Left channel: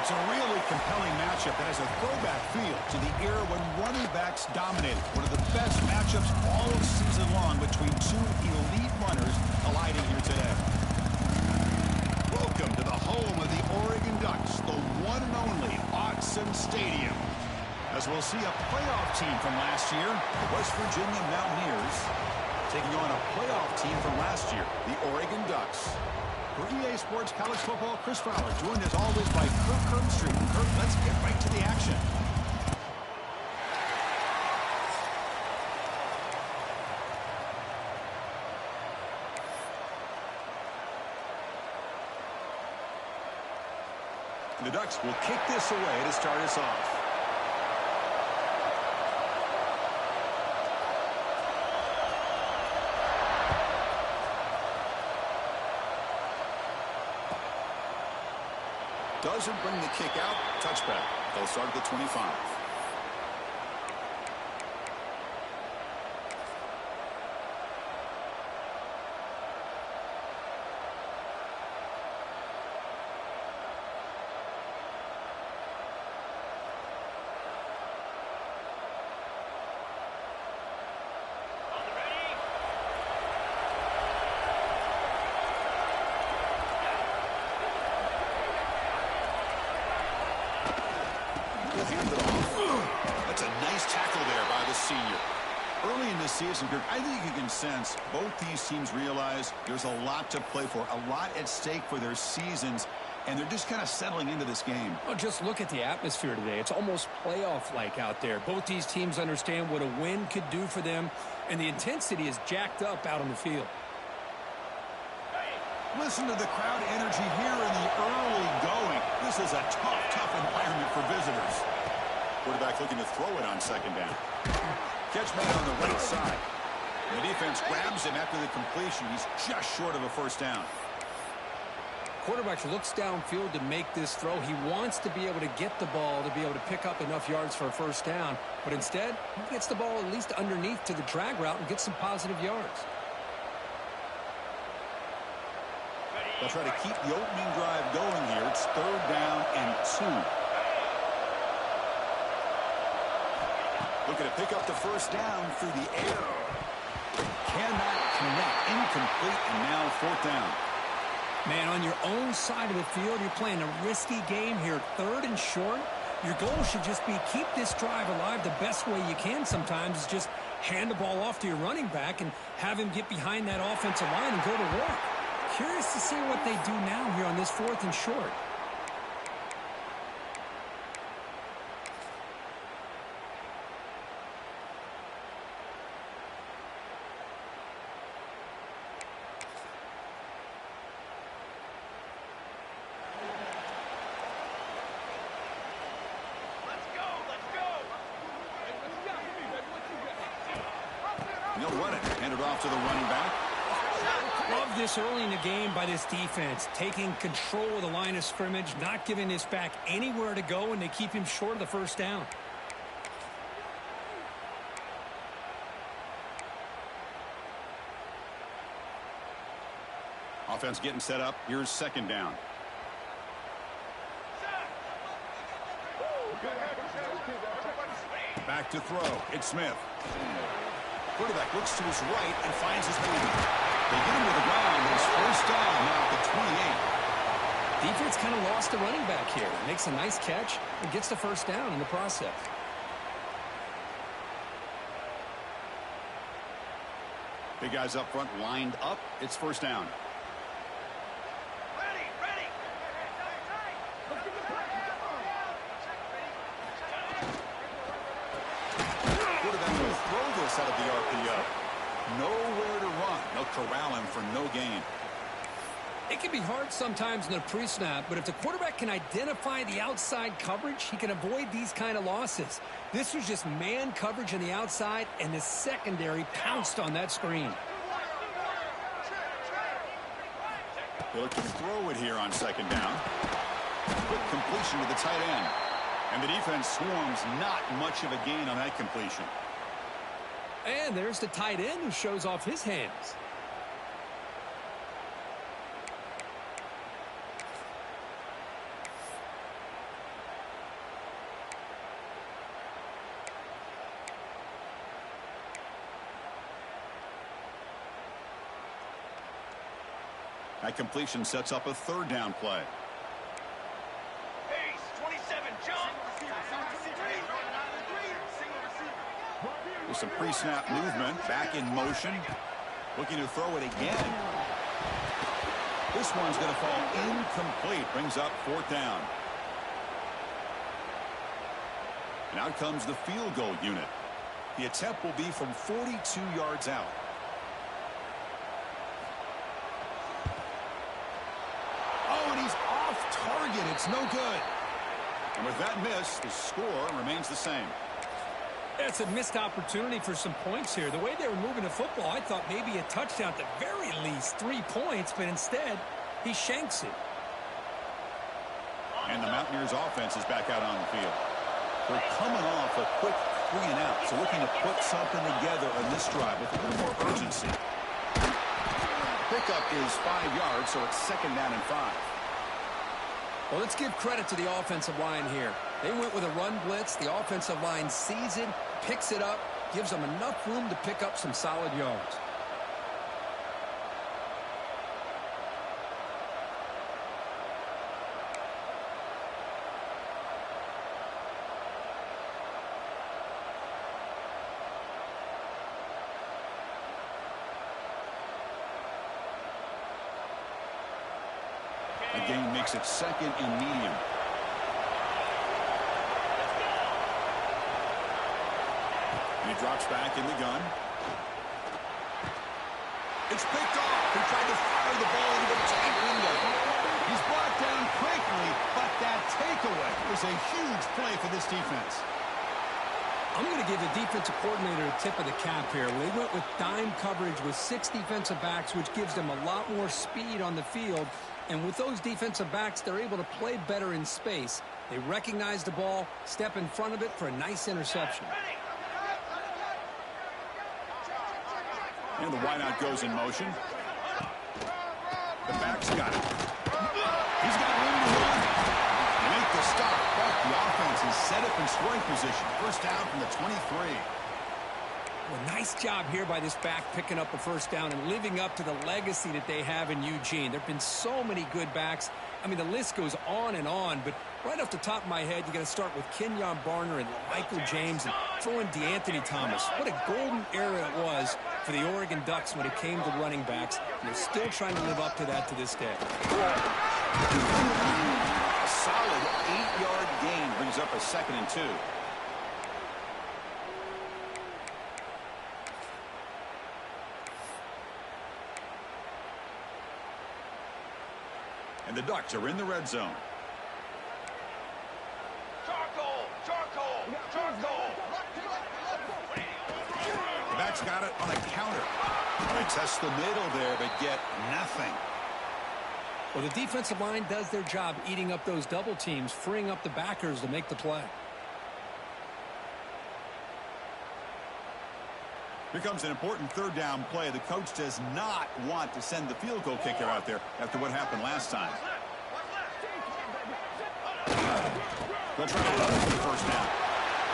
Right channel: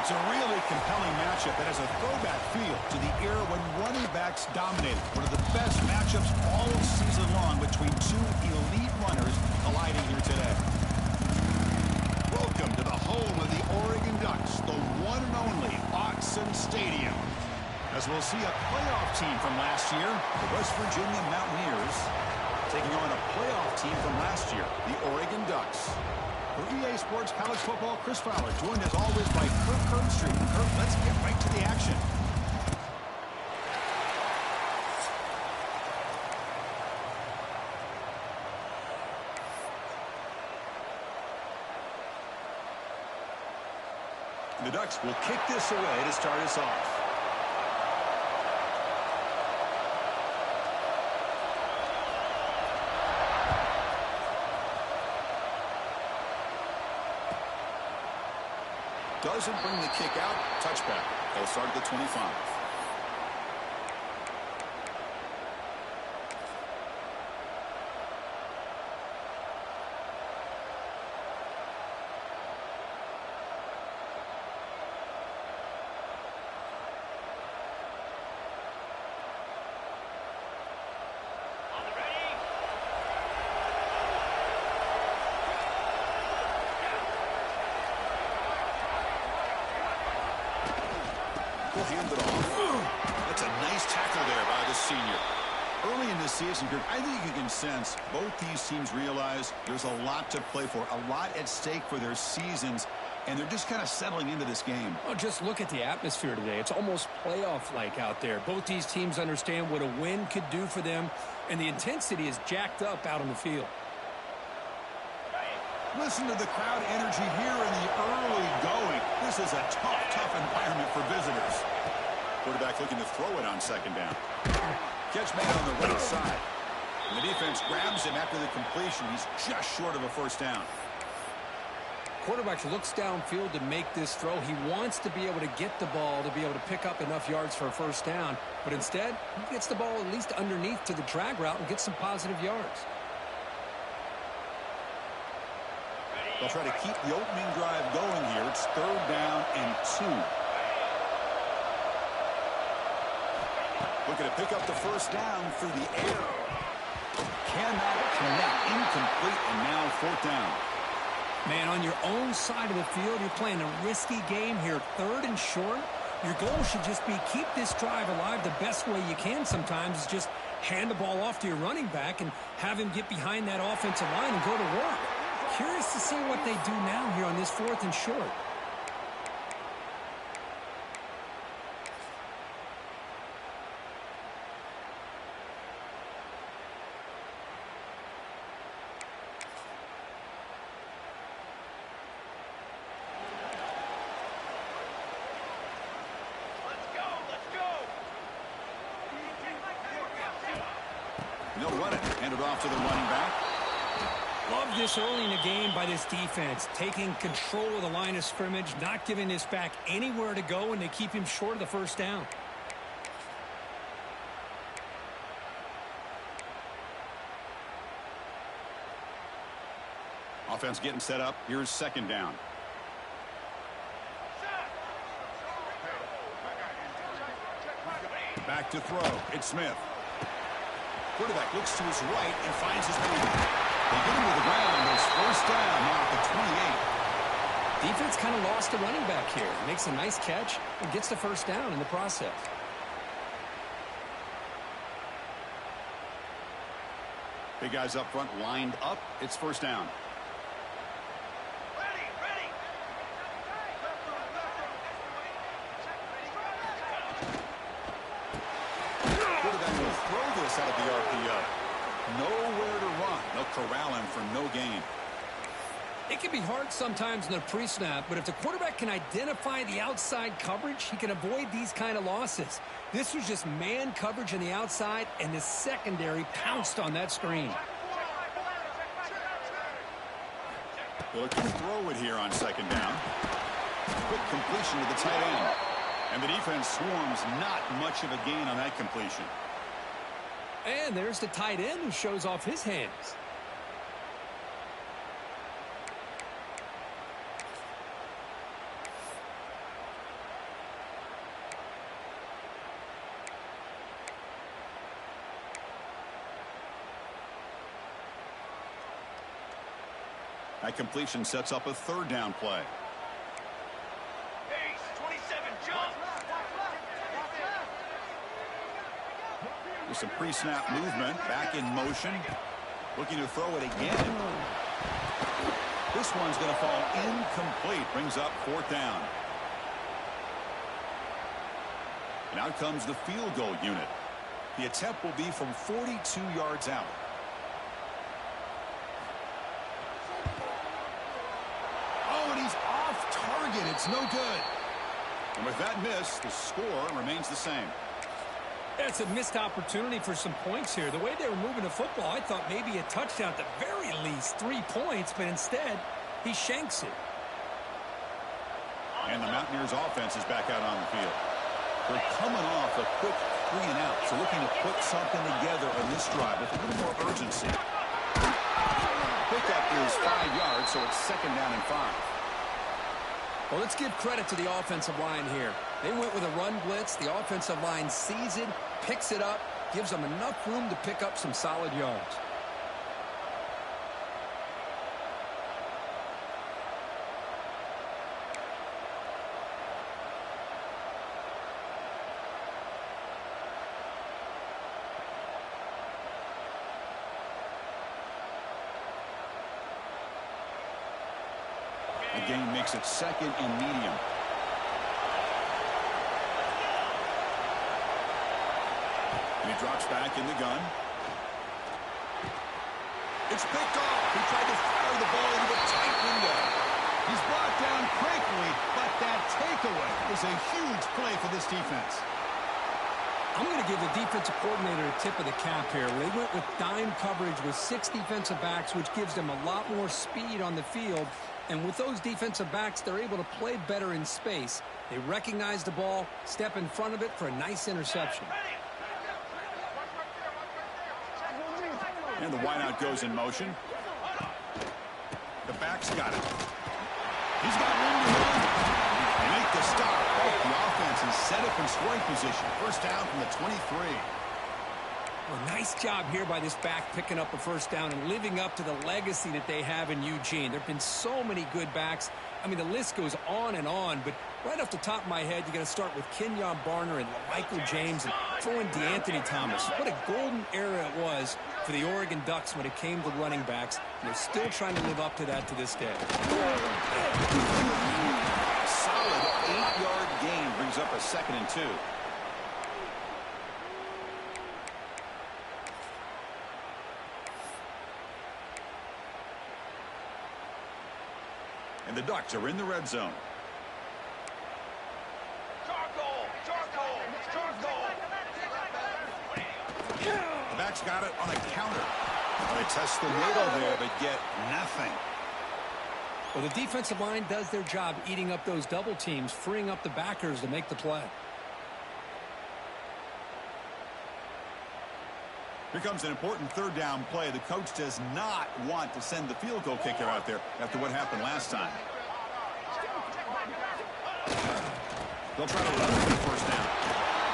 It's a really compelling matchup that has a throwback feel to the era when running backs dominated. One of the best matchups all season long between two elite runners colliding here today. Welcome to the home of the Oregon Ducks, the one and only Autzen Stadium. As we'll see a playoff team from last year, the West Virginia Mountaineers, taking on a playoff team from last year, the Oregon Ducks. For EA Sports College Football, Chris Fowler, joined as always by Kirk Herbstreit. Kirk, let's get right to the action. The Ducks will kick this away to start us off. Doesn't bring the kick out. Touchback. They'll start at the 25. Hand it off. That's a nice tackle there by the senior. Early in this season, I think you can sense both these teams realize there's a lot to play for, a lot at stake for their seasons, and they're just kind of settling into this game. Oh, just look at the atmosphere today. It's almost playoff-like out there. Both these teams understand what a win could do for them, and the intensity is jacked up out on the field. Listen to the crowd energy here in the early going. This is a tough environment for visitors. Quarterback looking to throw it on second down. Catch made on the right side. And the defense grabs him after the completion. He's just short of a first down. Quarterback looks downfield to make this throw. He wants to be able to get the ball to be able to pick up enough yards for a first down. But instead, he gets the ball at least underneath to the drag route and gets some positive yards. They'll try to keep the opening drive going here. It's 3rd down and 2. Looking to pick up the first down through the air. Cannot connect. Incomplete, and now 4th down. Man, on your own side of the field, you're playing a risky game here. 3rd and short. Your goal should just be keep this drive alive the best way you can sometimes is just hand the ball off to your running back and have him get behind that offensive line and go to work. Curious to see what they do now here on this 4th and short. They'll run it. Hand it off to the running back. Love this early in the game by this defense, taking control of the line of scrimmage, not giving this back anywhere to go, and they keep him short of the first down. Offense getting set up. Here's 2nd down. Back to throw. It's Smith. Quarterback looks to his right and finds his man. They get him to the ground, but it's 1st down now at the 28. Defense kind of lost the running back here. Makes a nice catch and gets the first down in the process. Big guys up front lined up. It's first down. Quarterback will throw this out of the RPO. Nowhere to run. They'll corral him for no gain. It can be hard sometimes in the pre-snap, but if the quarterback can identify the outside coverage, he can avoid these kind of losses. This was just man coverage on the outside, and the secondary pounced on that screen. They look to throw it here on second down. Quick completion to the tight end. And the defense swarms, not much of a gain on that completion. And there's the tight end who shows off his hands. That completion sets up a third down play. Ace, 27, jump! With some pre-snap movement, back in motion. Looking to throw it again. This one's going to fall incomplete. Brings up fourth down. And out comes the field goal unit. The attempt will be from 42 yards out. Oh, and he's off target. It's no good. And with that miss, the score remains the same. It's a missed opportunity for some points here. The way they were moving the football, I thought maybe a touchdown, at the very least 3 points, but instead, he shanks it. And the Mountaineers offense is back out on the field. They're coming off a quick 3 and out, so looking to put something together on this drive with a little more urgency. Pickup is 5 yards, so it's second down and 5. Well, let's give credit to the offensive line here. They went with a run blitz. The offensive line sees it, picks it up, gives them enough room to pick up some solid yards. The gain makes it second and medium. And he drops back in the gun. It's picked off. He tried to fire the ball into a tight window. He's brought down quickly, but that takeaway is a huge play for this defense. I'm going to give the defensive coordinator a tip of the cap here. They went with dime coverage with 6 defensive backs, which gives them a lot more speed on the field. And with those defensive backs, they're able to play better in space. They recognize the ball, step in front of it for a nice interception. And the wideout goes in motion. The back's got it. He's got room to run. They make the stop, but the offense is set up in scoring position. First down from the 23. Well, nice job here by this back picking up a first down and living up to the legacy that they have in Eugene. There have been so many good backs. I mean, the list goes on and on, but right off the top of my head, you got to start with Kenyon Barner and Michael James and throw in DeAnthony Thomas. What a golden era it was for the Oregon Ducks when it came to running backs. And they're still trying to live up to that to this day. A solid 8-yard gain brings up a second and 2. And the Ducks are in the red zone. Charcoal! Charcoal! Charcoal! The back's got it on a counter. Well, they test the middle there, but get nothing. Well, the defensive line does their job eating up those double teams, freeing up the backers to make the play. Here comes an important third down play. The coach does not want to send the field goal kicker out there after what happened last time. They'll try to run for the first down.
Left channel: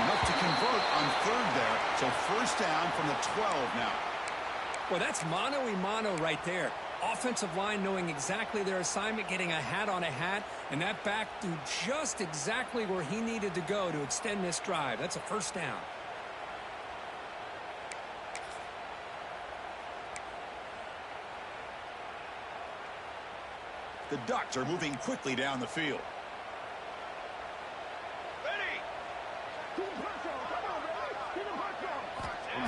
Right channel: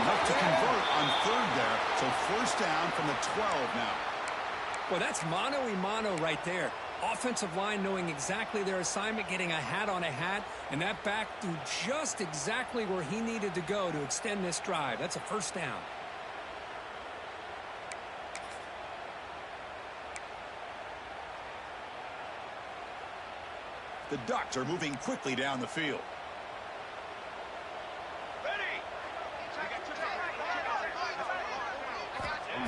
Enough to convert on third there. So first down from the 12 now. Well, that's mano-y-mano right there. Offensive line knowing exactly their assignment, getting a hat on a hat, and that back threw just exactly where he needed to go to extend this drive. That's a first down. The Ducks are moving quickly down the field. Ready.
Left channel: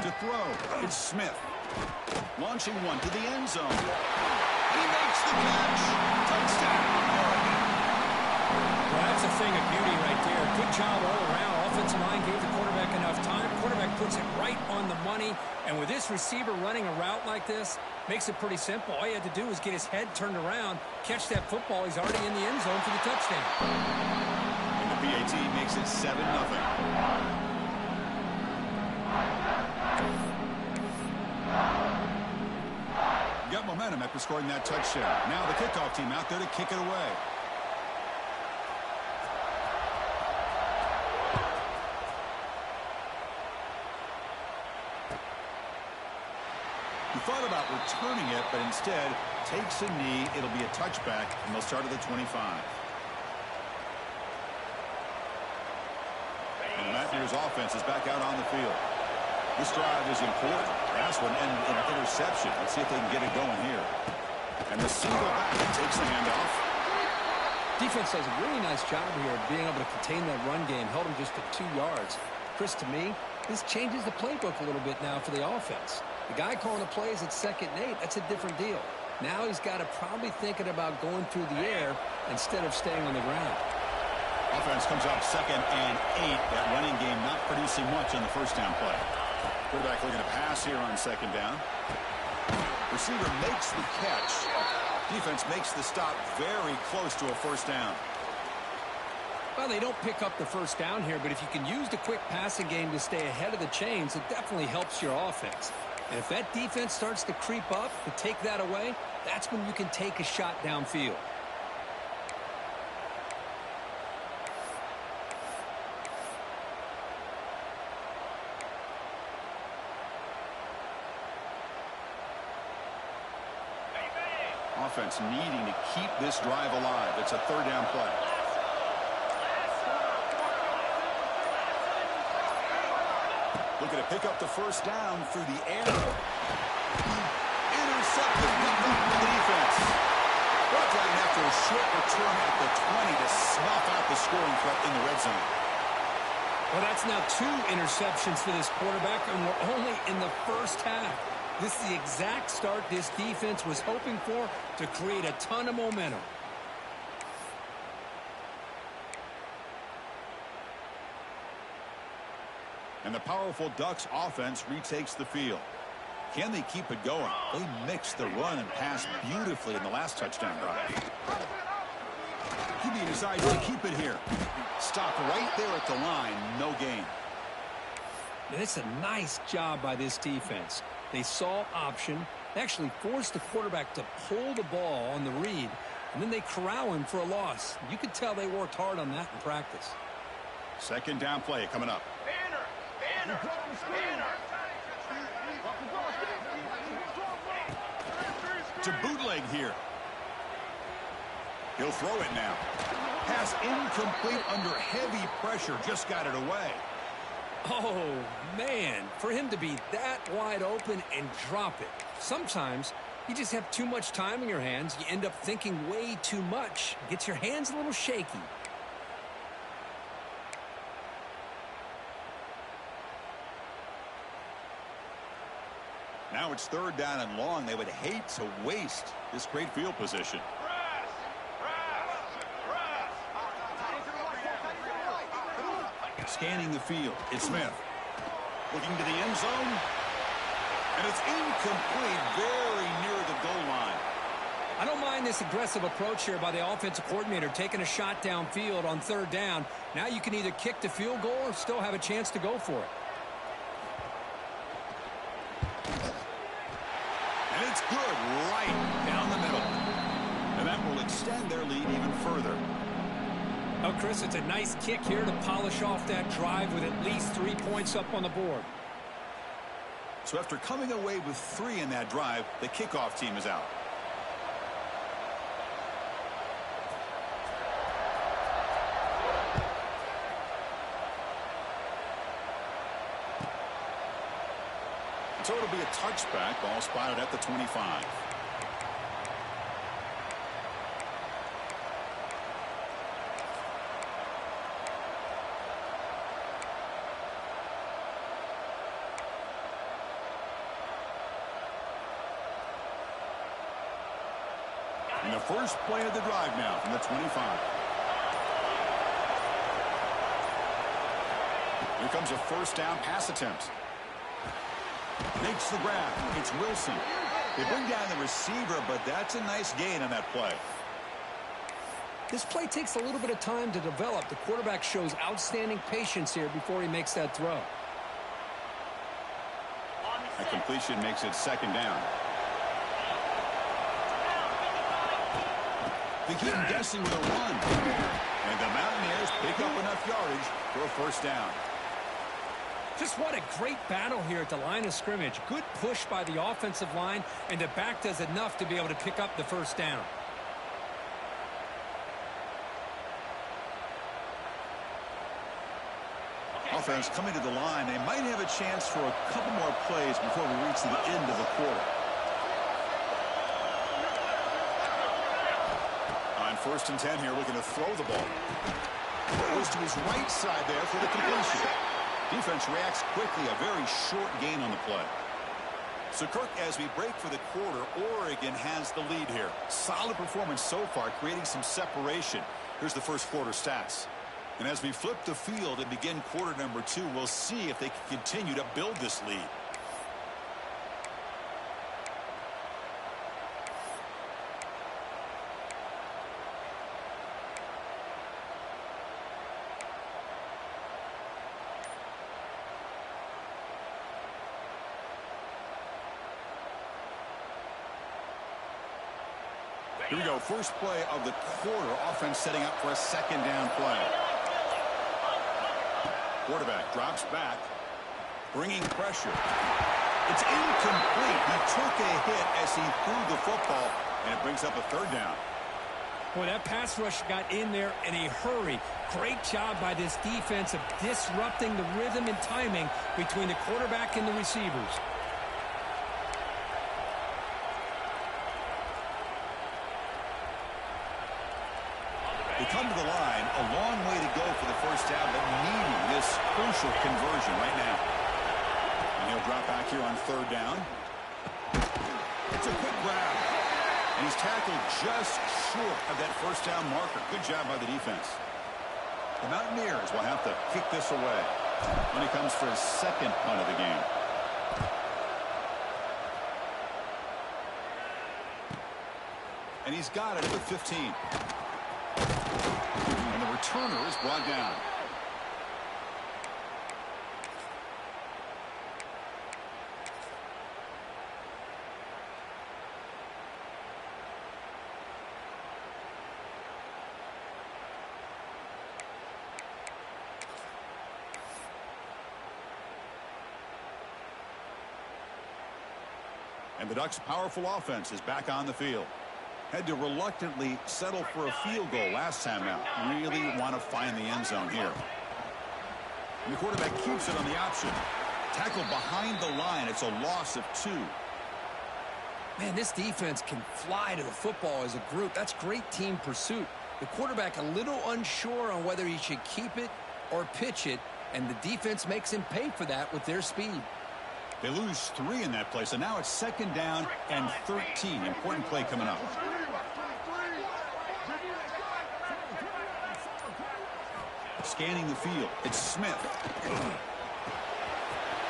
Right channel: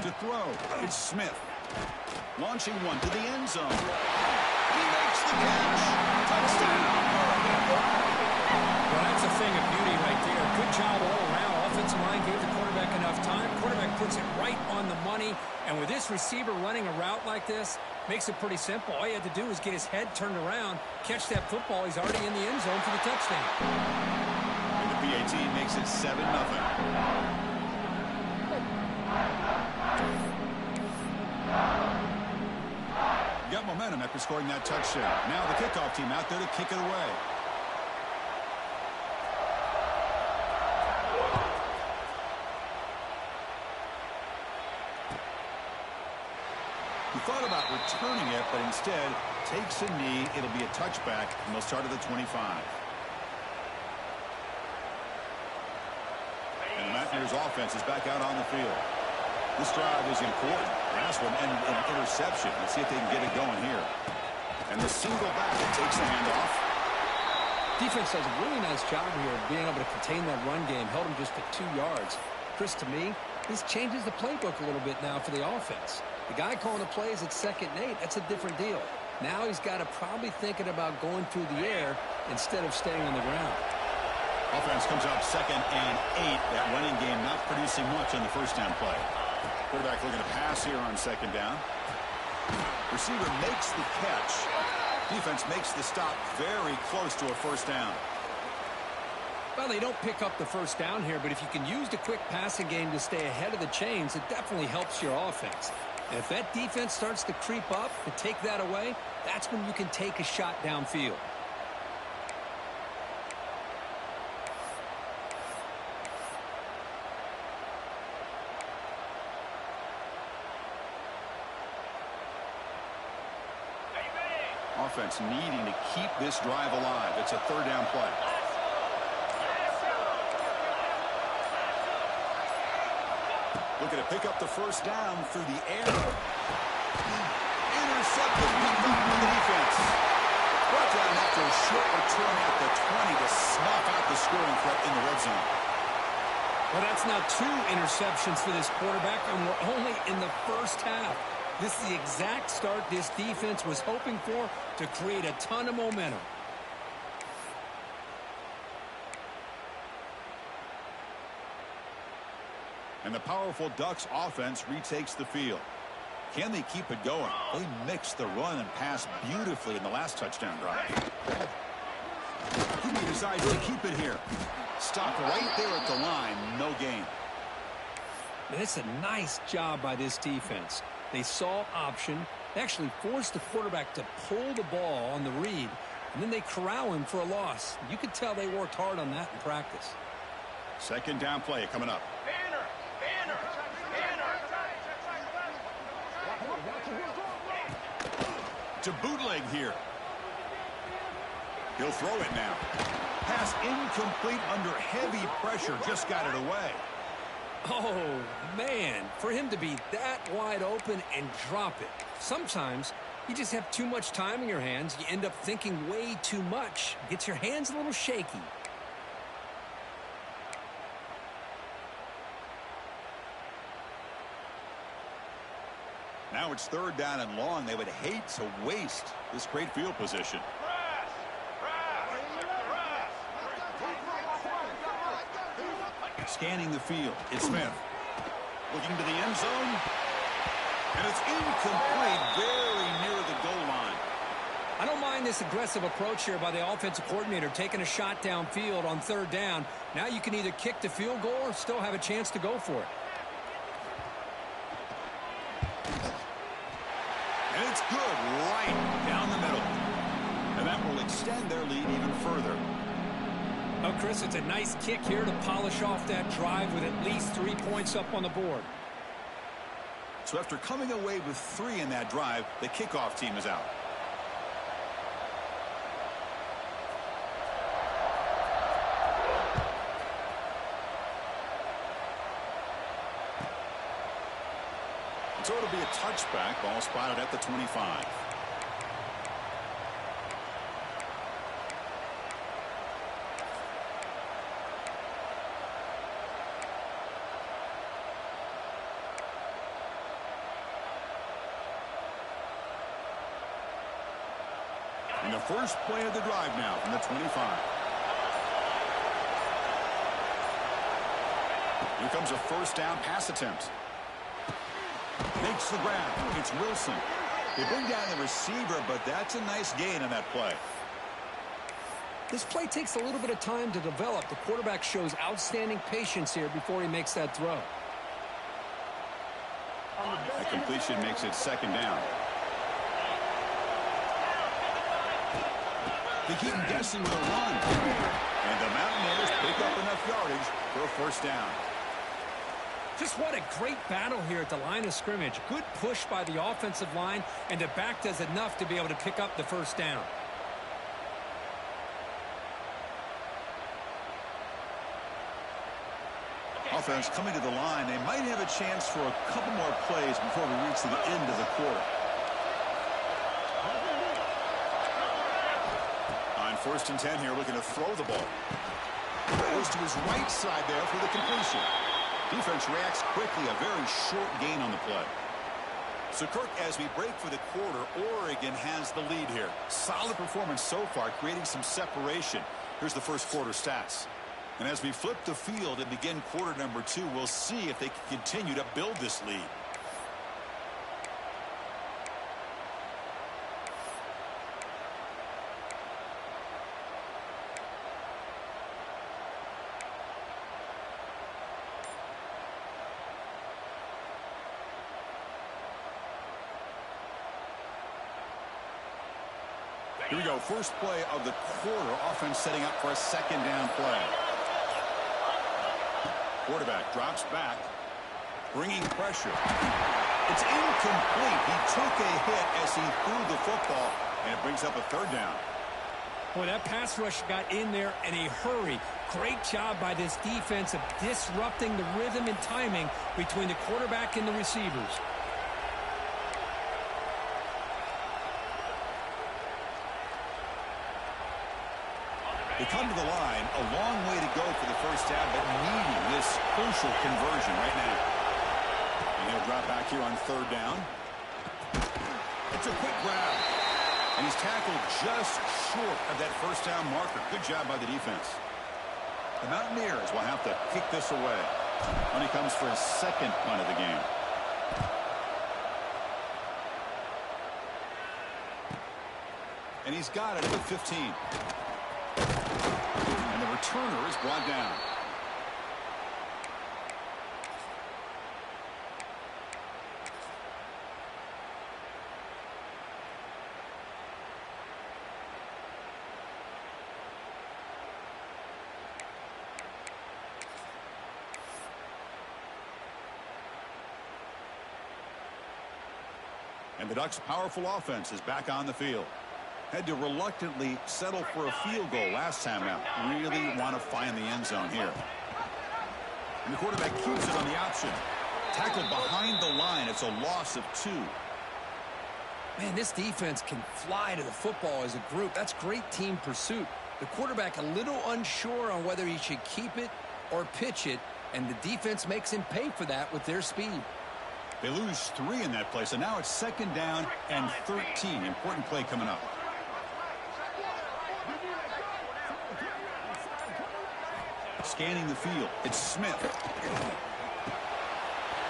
To throw, it's Smith. Launching one to the end zone. And he makes the catch. Touchdown, Oregon. Well, that's a thing of beauty right there. Good job all around. Offensive line gave the quarterback enough time. Quarterback puts it right on the money. And with this receiver running a route like this, makes it pretty simple. All he had to do was get his head turned around, catch that football. He's already in the end zone for the touchdown. And the PAT makes it 7-0. Got momentum after scoring that touchdown. Now the kickoff team out there to kick it away. He thought about returning it, but instead takes a knee. It'll be a touchback, and they'll start at the 25. And the Mountaineers offense is back out on the field. This drive is important. Last one ended in an interception. Let's see if they can get it going here. And the single back takes the handoff. Defense does a really nice job here of being able to contain that run game. Held him just at 2 yards. Chris, to me, this changes the playbook a little bit now for the offense. The guy calling the plays at 2nd and 8, that's a different deal. Now he's got to probably thinking about going through the air instead of staying on the ground. Offense comes up 2nd and 8. That running game not producing much on the first down play. Quarterback looking to pass here on 2nd down. Receiver makes the catch. Defense makes the stop very close to a first down. Well, they don't pick up the first down here, but if you can use the quick passing game to stay ahead of the chains, it definitely helps your offense. And if that defense starts to creep up to take that away, that's when you can take a shot downfield. Offense needing to keep this drive alive. It's a 3rd down play. Looking to pick up the first down through the air. Intercepted, picked off by the defense. Brought down after a short return at the 20 to snuff out the scoring threat in the red zone. Well, that's now 2 interceptions for this quarterback, and we're only in the first half. This is the exact start this defense was hoping for to create a ton of momentum. And the powerful Ducks offense retakes the field. Can they keep it going? They mixed the run and pass beautifully in the last touchdown drive. He decides to keep it here. Stop right there at the line. No gain. And it's a nice job by this defense. They saw option. They actually forced the quarterback to pull the ball on the read, and then they corral him for a loss. You could tell they worked hard on that in practice. 2nd down play coming up. Banner. To bootleg here. He'll throw it now. Pass incomplete under heavy pressure. Just got it away. Oh, man, for him to be that wide open and drop it. Sometimes you just have too much time in your hands. You end up thinking way too much. Gets your hands a little shaky. Now it's 3rd down and long. They would hate to waste this great field position. Press. Scanning the field. It's Smith. Looking to the end zone. And it's incomplete, very near the goal line. I don't mind this aggressive approach here by the offensive coordinator, taking a shot downfield on 3rd down. Now you can either kick the field goal or still have a chance to go for it. And it's good right down the middle. And that will extend their lead even further. Oh, Chris, it's a nice kick here to polish off that drive with at least 3 points up on the board. So after coming away with 3 in that drive, the kickoff team is out. So it'll be a touchback. Ball spotted at the 25. And the first play of the drive now from the 25. Here comes a first down pass attempt. Makes the grab. It's Wilson. They bring down the receiver, but that's a nice gain on that play. This play takes a little bit of time to develop. The quarterback shows outstanding patience here before he makes that throw. That completion makes it second down. They keep him guessing with a run. And the Mountaineers pick up enough yardage for a first down. Just what a great battle here at the line of scrimmage. Good push by the offensive line, and the back does enough to be able to pick up the first down. Offense coming to the line. They might have a chance for a couple more plays before we reach the end of the quarter. On 1st and 10 here, looking to throw the ball. Goes to his right side there for the completion. Defense reacts quickly. A very short gain on the play. So, Kirk, as we break for the quarter, Oregon has the lead here. Solid performance so far, creating some separation. Here's the first quarter stats. And as we flip the field and begin quarter number 2, we'll see if they can continue to build this lead. Here we go. First play of the quarter. Offense setting up for a second down play. Quarterback drops back, bringing pressure. It's incomplete. He took a hit as he threw the football, and it brings up a third down. Boy, that pass rush got in there in a hurry. Great job by this defense of disrupting the rhythm and timing between the quarterback and the receivers. They come to the line, a long way to go for the first down, but needing this crucial conversion right now. And he'll drop back here on 3rd down. It's a quick grab. And he's tackled just short of that first down marker. Good job by the defense. The Mountaineers will have to kick this away when he comes for his second punt of the game. And he's got it at the 15. And the returner is brought down. And the Ducks' powerful offense is back on the field. Had to reluctantly settle for a field goal last time out. Really want to find the end zone here. And the quarterback keeps it on the option. Tackled behind the line. It's a loss of 2. Man, this defense can fly to the football as a group. That's great team pursuit. The quarterback a little unsure on whether he should keep it or pitch it, and the defense makes him pay for that with their speed. They lose 3 in that play, so now it's 2nd down and 13. Important play coming up. Scanning the field. It's Smith.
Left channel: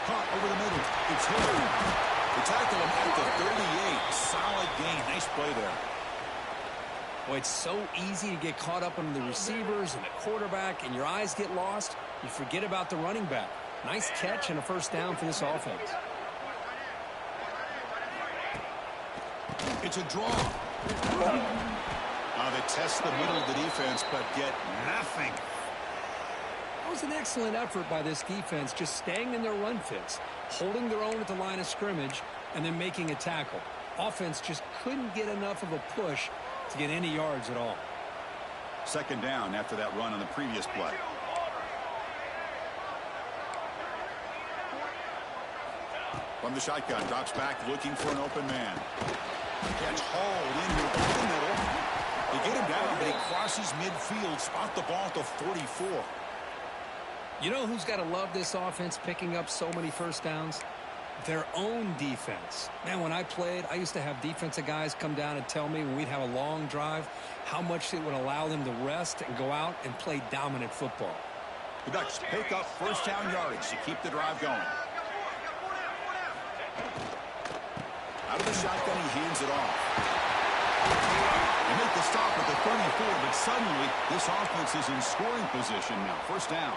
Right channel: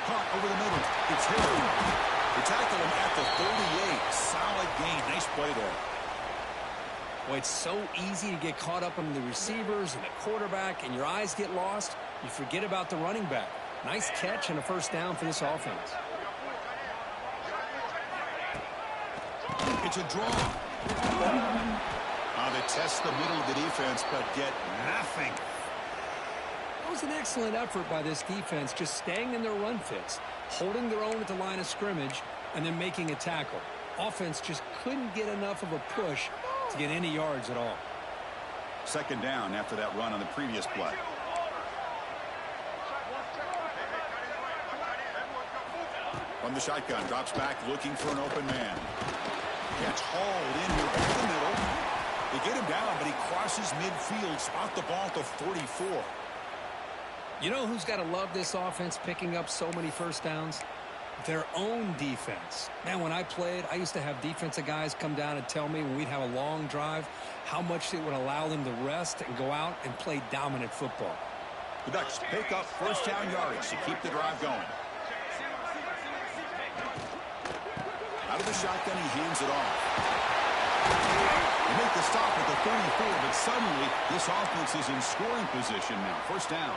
Caught over the middle. It's Hill. They tackle him at the 38. Solid gain. Nice play there. Boy, it's so easy to get caught up on the receivers and the quarterback, and your eyes get lost. You forget about the running back. Nice catch and a first down for this offense. It's a draw. They test the middle of the defense, but get nothing. That was an excellent effort by this defense, just staying in their run fits, holding their own at the line of scrimmage, and then making a tackle. Offense just couldn't get enough of a push to get any yards at all. 2nd down after that run on the previous play. From the shotgun, drops back looking for an open man. Gets hauled in here over the middle. They get him down, but he crosses midfield, spot the ball to 44. You know who's got to love this offense picking up so many first downs? Their own defense. Man, when I played, I used to have defensive guys come down and tell me when we'd have a long drive how much it would allow them to rest and go out and play dominant football. The Ducks pick up first down yardage to keep the drive going. Out of the shotgun, he hands it off. They make the stop at the 34, but suddenly this offense is in scoring position now. First down.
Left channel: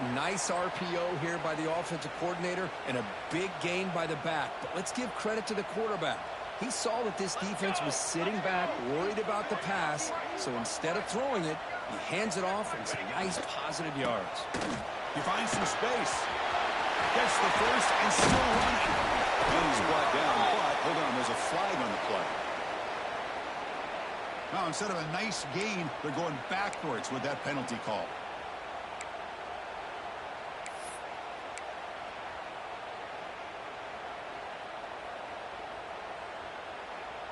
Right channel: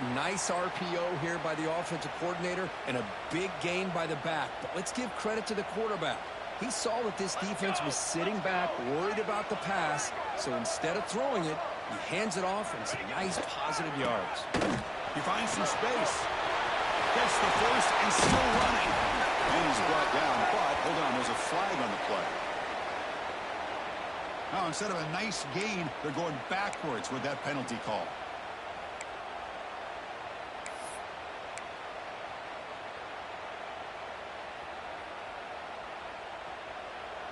A nice RPO here by the offensive coordinator and a big gain by the back. But let's give credit to the quarterback. He saw that this defense was sitting back, worried about the pass. So instead of throwing it, he hands it off and some nice positive yards. He finds some space. Gets the first and still running. And he's brought down, but hold on, there's a flag on the play. Now, instead of a nice gain, they're going backwards with that penalty call.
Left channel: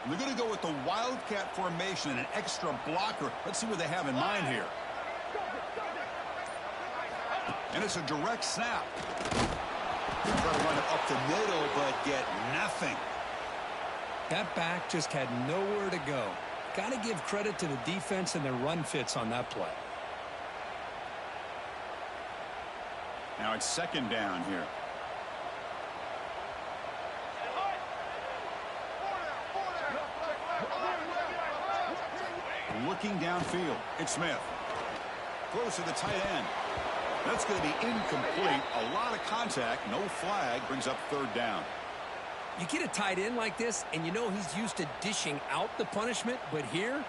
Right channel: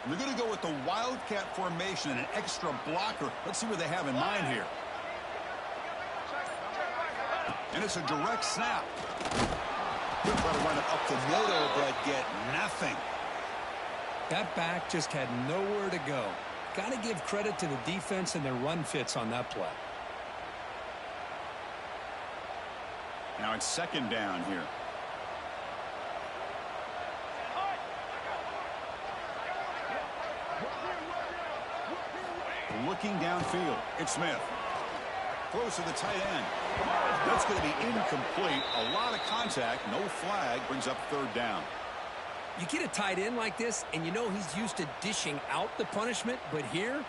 And they're going to go with the Wildcat formation and an extra blocker. Let's see what they have in mind here. And it's a direct snap. They'll try to run it up the middle, but get nothing. That back just had nowhere to go. Got to give credit to the defense and their run fits on that play. Now it's second down here. Looking downfield, it's Smith. Throws to the tight end. That's going to be incomplete. A lot of contact, no flag, brings up third down. You get a tight end like this, and you know he's used to dishing out the punishment, but here,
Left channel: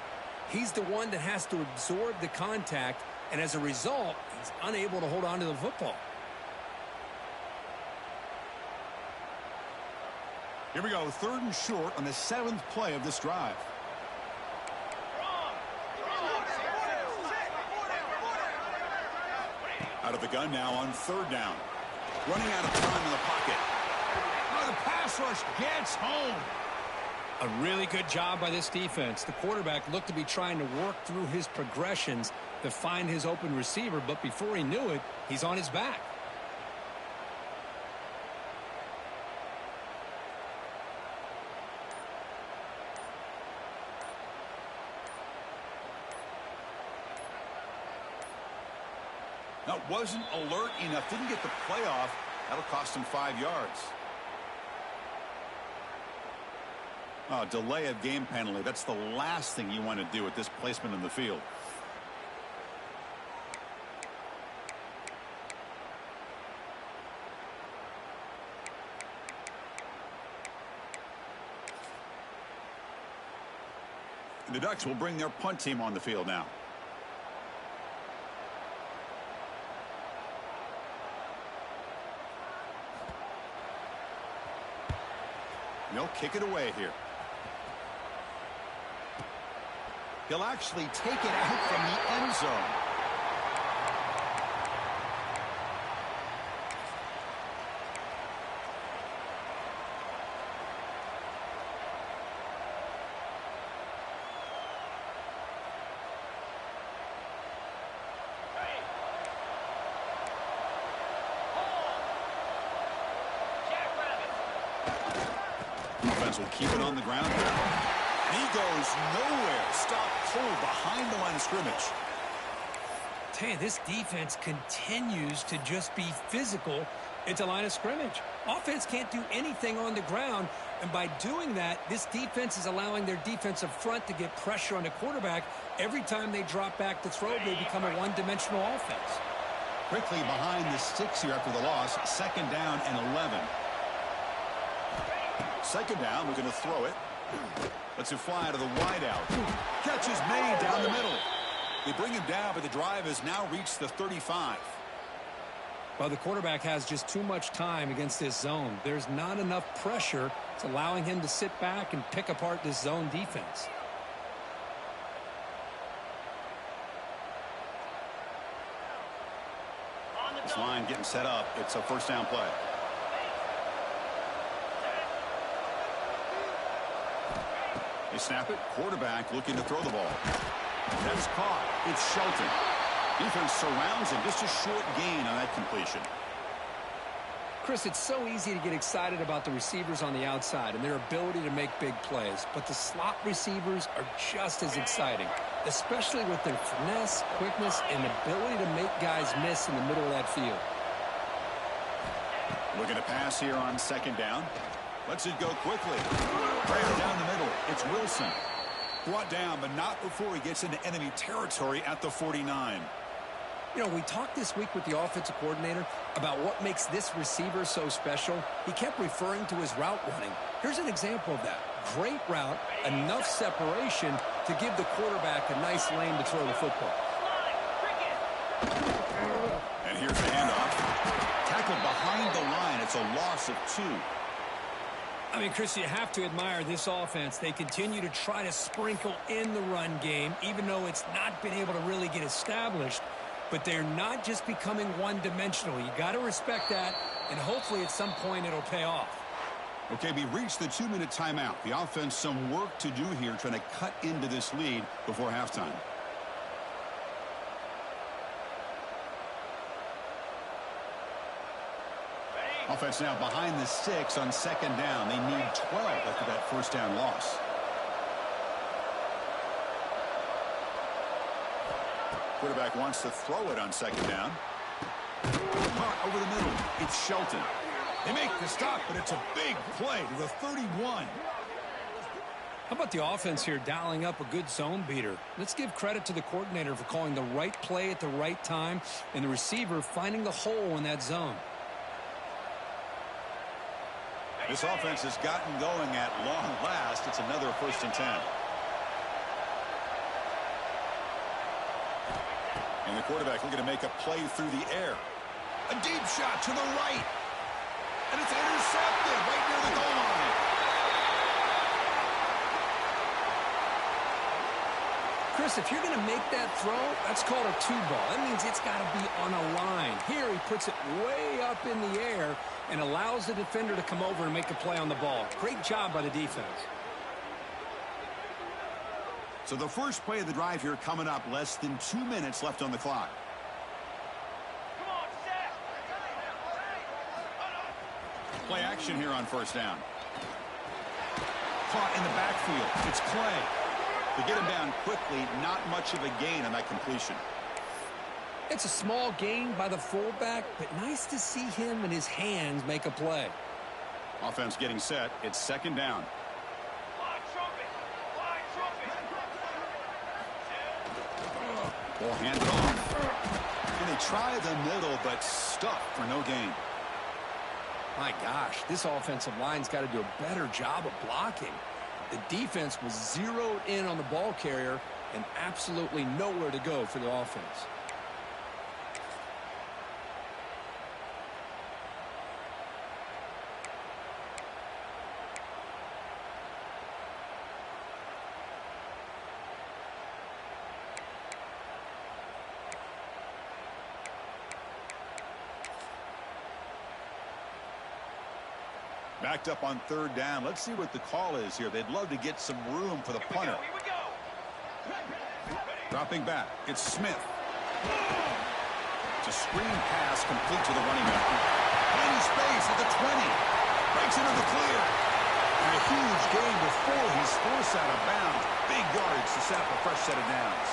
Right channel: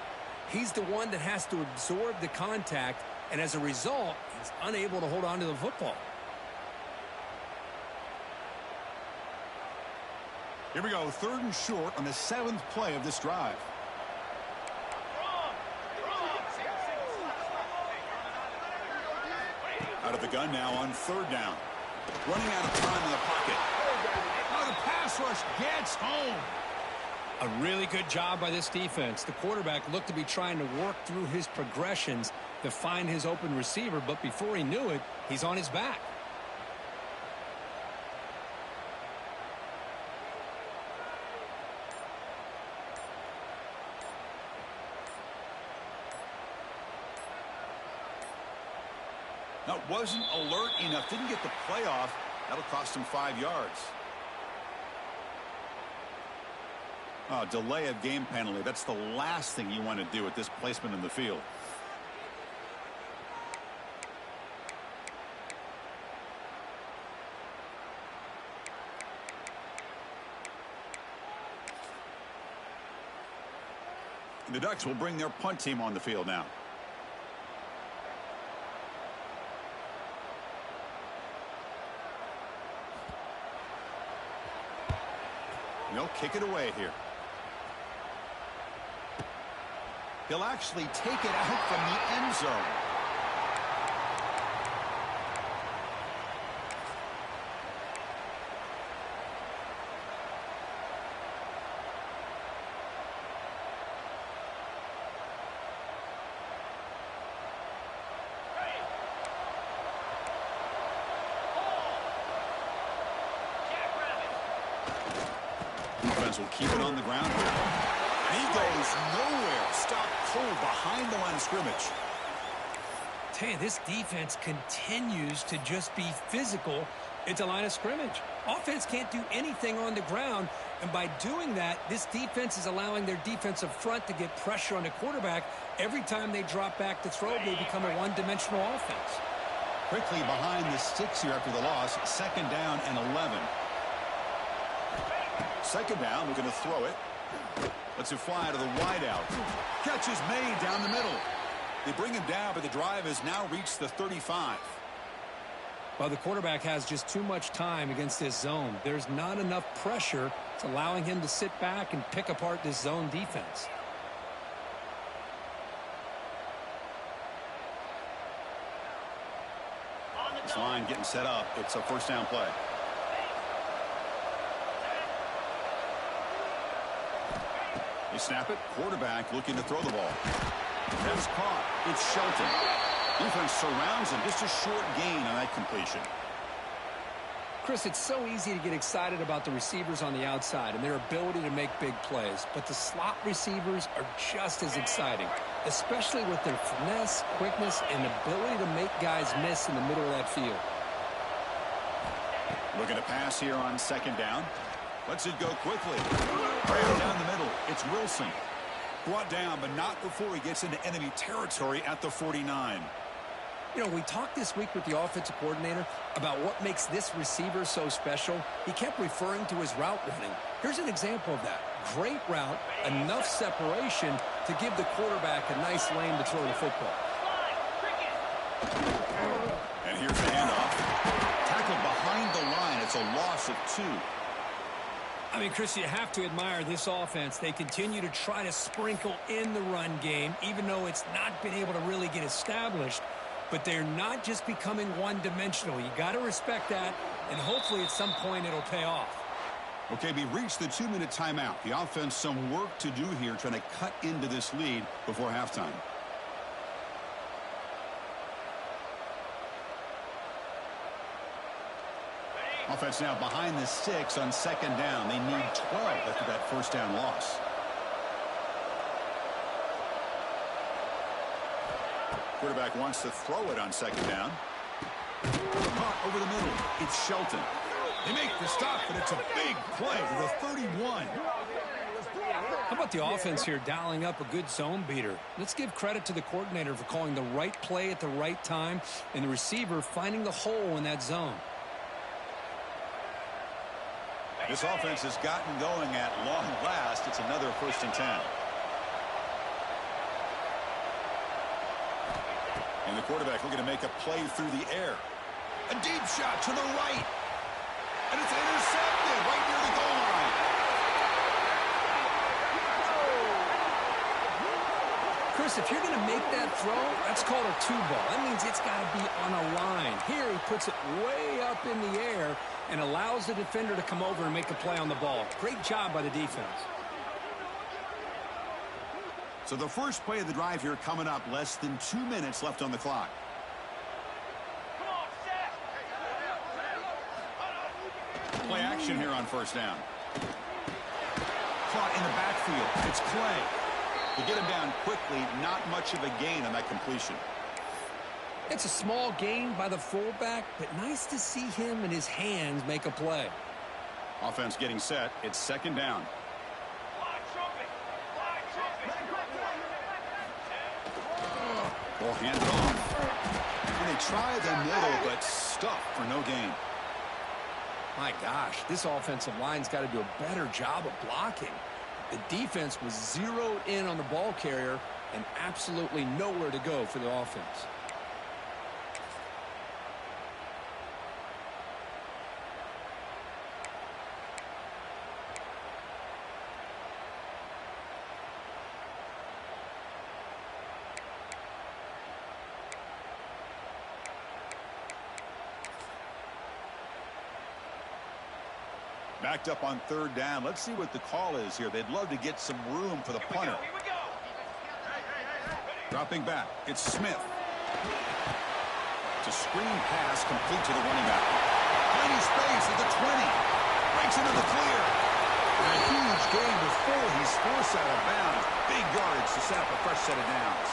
he's the one that has to absorb the contact, and as a result, he's unable to hold on to the football. Here we go, third and short on the 7th play of this drive. Out of the gun now on third down. Running out of time in the pocket. Oh, the pass rush gets home. A really good job by this defense. The quarterback looked to be trying to work through his progressions to find his open receiver, but before he knew it, he's on his back. That wasn't alert enough. Didn't get the play off. That'll cost him 5 yards. Oh, delay of game penalty. That's the last thing you want to do with this placement in the field. The Ducks will bring their punt team on the field now. They'll kick it away here. He'll actually take it out from the end zone. Will keep it on the ground here. And he goes nowhere. Stopped cold behind the line of scrimmage. Tell you, this defense continues to just be physical at the line of scrimmage. Offense can't do anything on the ground, and by doing that, this defense is allowing their defensive front to get pressure on the quarterback. Every time they drop back to throw, they become a one-dimensional offense. Quickly behind the sticks here after the loss. Second down and 11. Second down, we're going to throw it. Lets it fly to the wideout. Catch is made down the middle. They bring him down, but the drive has now reached the 35. Well, the quarterback has just too much time against this zone. There's not enough pressure. It's allowing him to sit back and pick apart this zone defense. This line getting set up. It's a first down play. They snap it. Quarterback looking to throw the ball. That's caught. It's Shelton. Defense surrounds him. Just a short gain on that completion. Chris, it's so easy to get excited about the receivers on the outside and their ability to make big plays, but the slot receivers are just as exciting, especially with their finesse, quickness, and ability to make guys miss in the middle of that field. Looking to pass here on second down. Lets it go quickly. Right down the middle. It's Wilson. Brought down, but not before he gets into enemy territory at the 49. You know, we talked this week with the offensive coordinator about what makes this receiver so special. He kept referring to his route running. Here's an example of that. Great route, enough separation to give the quarterback a nice lane to throw the football. And here's the handoff. Tackled behind the line. It's a loss of 2. I mean, Chris, you have to admire this offense. They continue to try to sprinkle in the run game, even though it's not been able to really get established. But they're not just becoming one-dimensional. You got to respect that, and hopefully at some point it'll pay off. Okay, we reached the 2-minute timeout. The offense some work to do here, trying to cut into this lead before halftime. Offense now behind the 6 on second down. They need 12 after that first down loss. Quarterback wants to throw it on second down. Caught over the middle. It's Shelton. They make the stop, but it's a big play to the 31. How about the offense here dialing up a good zone beater? Let's give credit to the coordinator for calling the right play at the right time and the receiver finding the hole in that zone. This offense has gotten going at long last. It's another 1st and 10. And the quarterback looking to make a play through the air. A deep shot to the right. And it's intercepted right near the goal line. Chris, if you're going to make that throw, that's called a 2-ball. That means it's got to be on a line. Here he puts it way up in the air and allows the defender to come over and make a play on the ball. Great job by the defense. So the first play of the drive here coming up. Less than 2 minutes left on the clock. Come on, Seth. Play action here on first down. Caught in the backfield. It's Clay. To get him down quickly, not much of a gain on that completion. It's a small gain by the fullback, but nice to see him and his hands make a play. Offense getting set. It's second down. Fly trumpet. Fly trumpet. Ball handed off. And they try the middle, but stuffed for no gain. My gosh, this offensive line's got to do a better job of blocking. The defense was zeroed in on the ball carrier and absolutely nowhere to go for the offense. Backed up on third down. Let's see what the call is here. They'd love to get some room for the punter. Here we go. Dropping back. It's Smith. It's a screen pass complete to the running back. Tiny space at the 20. Breaks into the clear. And a huge gain before he's forced out of bounds. Big yards to set up a fresh set of downs.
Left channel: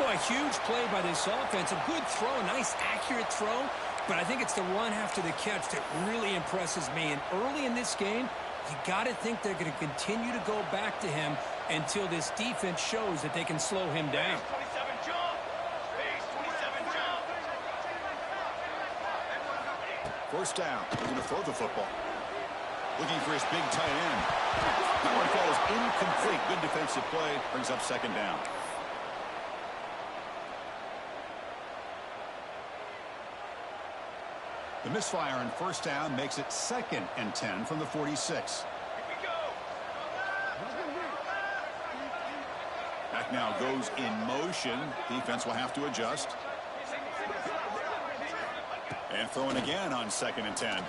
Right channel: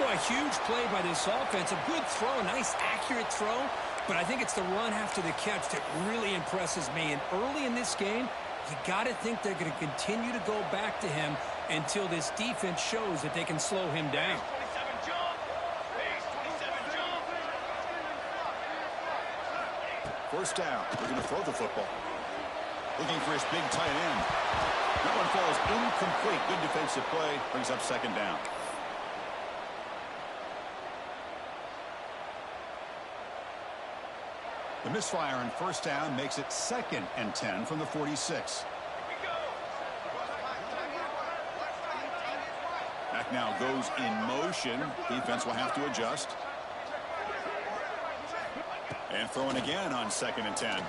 Boy, a huge play by this offense. A good throw, a nice accurate throw. But I think it's the run after the catch that really impresses me. And early in this game, you got to think they're going to continue to go back to him until this defense shows that they can slow him down. Base 27 jump. Base 27 jump. First down. They're going to throw the football. Looking for his big tight end. That one falls incomplete. Good defensive play. Brings up second down. The misfire on first down makes it 2nd and 10 from the 46. Here we go. Back now goes in motion. Defense will have to adjust. And throwing again on 2nd and 10.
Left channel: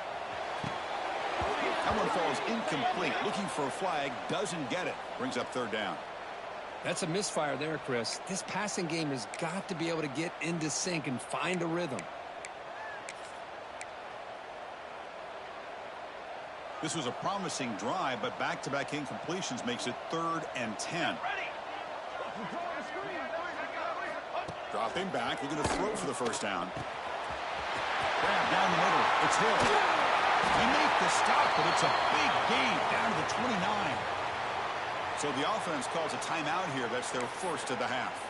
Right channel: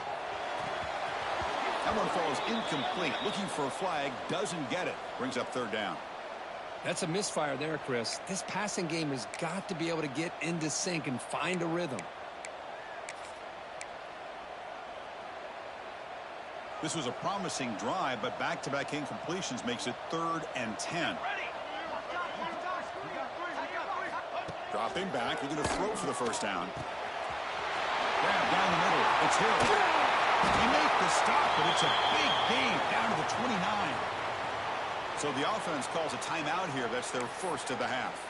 That one falls incomplete. Looking for a flag, doesn't get it. Brings up third down. That's a misfire there, Chris. This passing game has got to be able to get into sync and find a rhythm. This was a promising drive, but back-to-back incompletions makes it 3rd and 10. Dropping back, looking to throw for the first down. Grab down the middle. It's Hill. They make the stop, but it's a big gain down to the 29. So the offense calls a timeout here. That's their first of the half.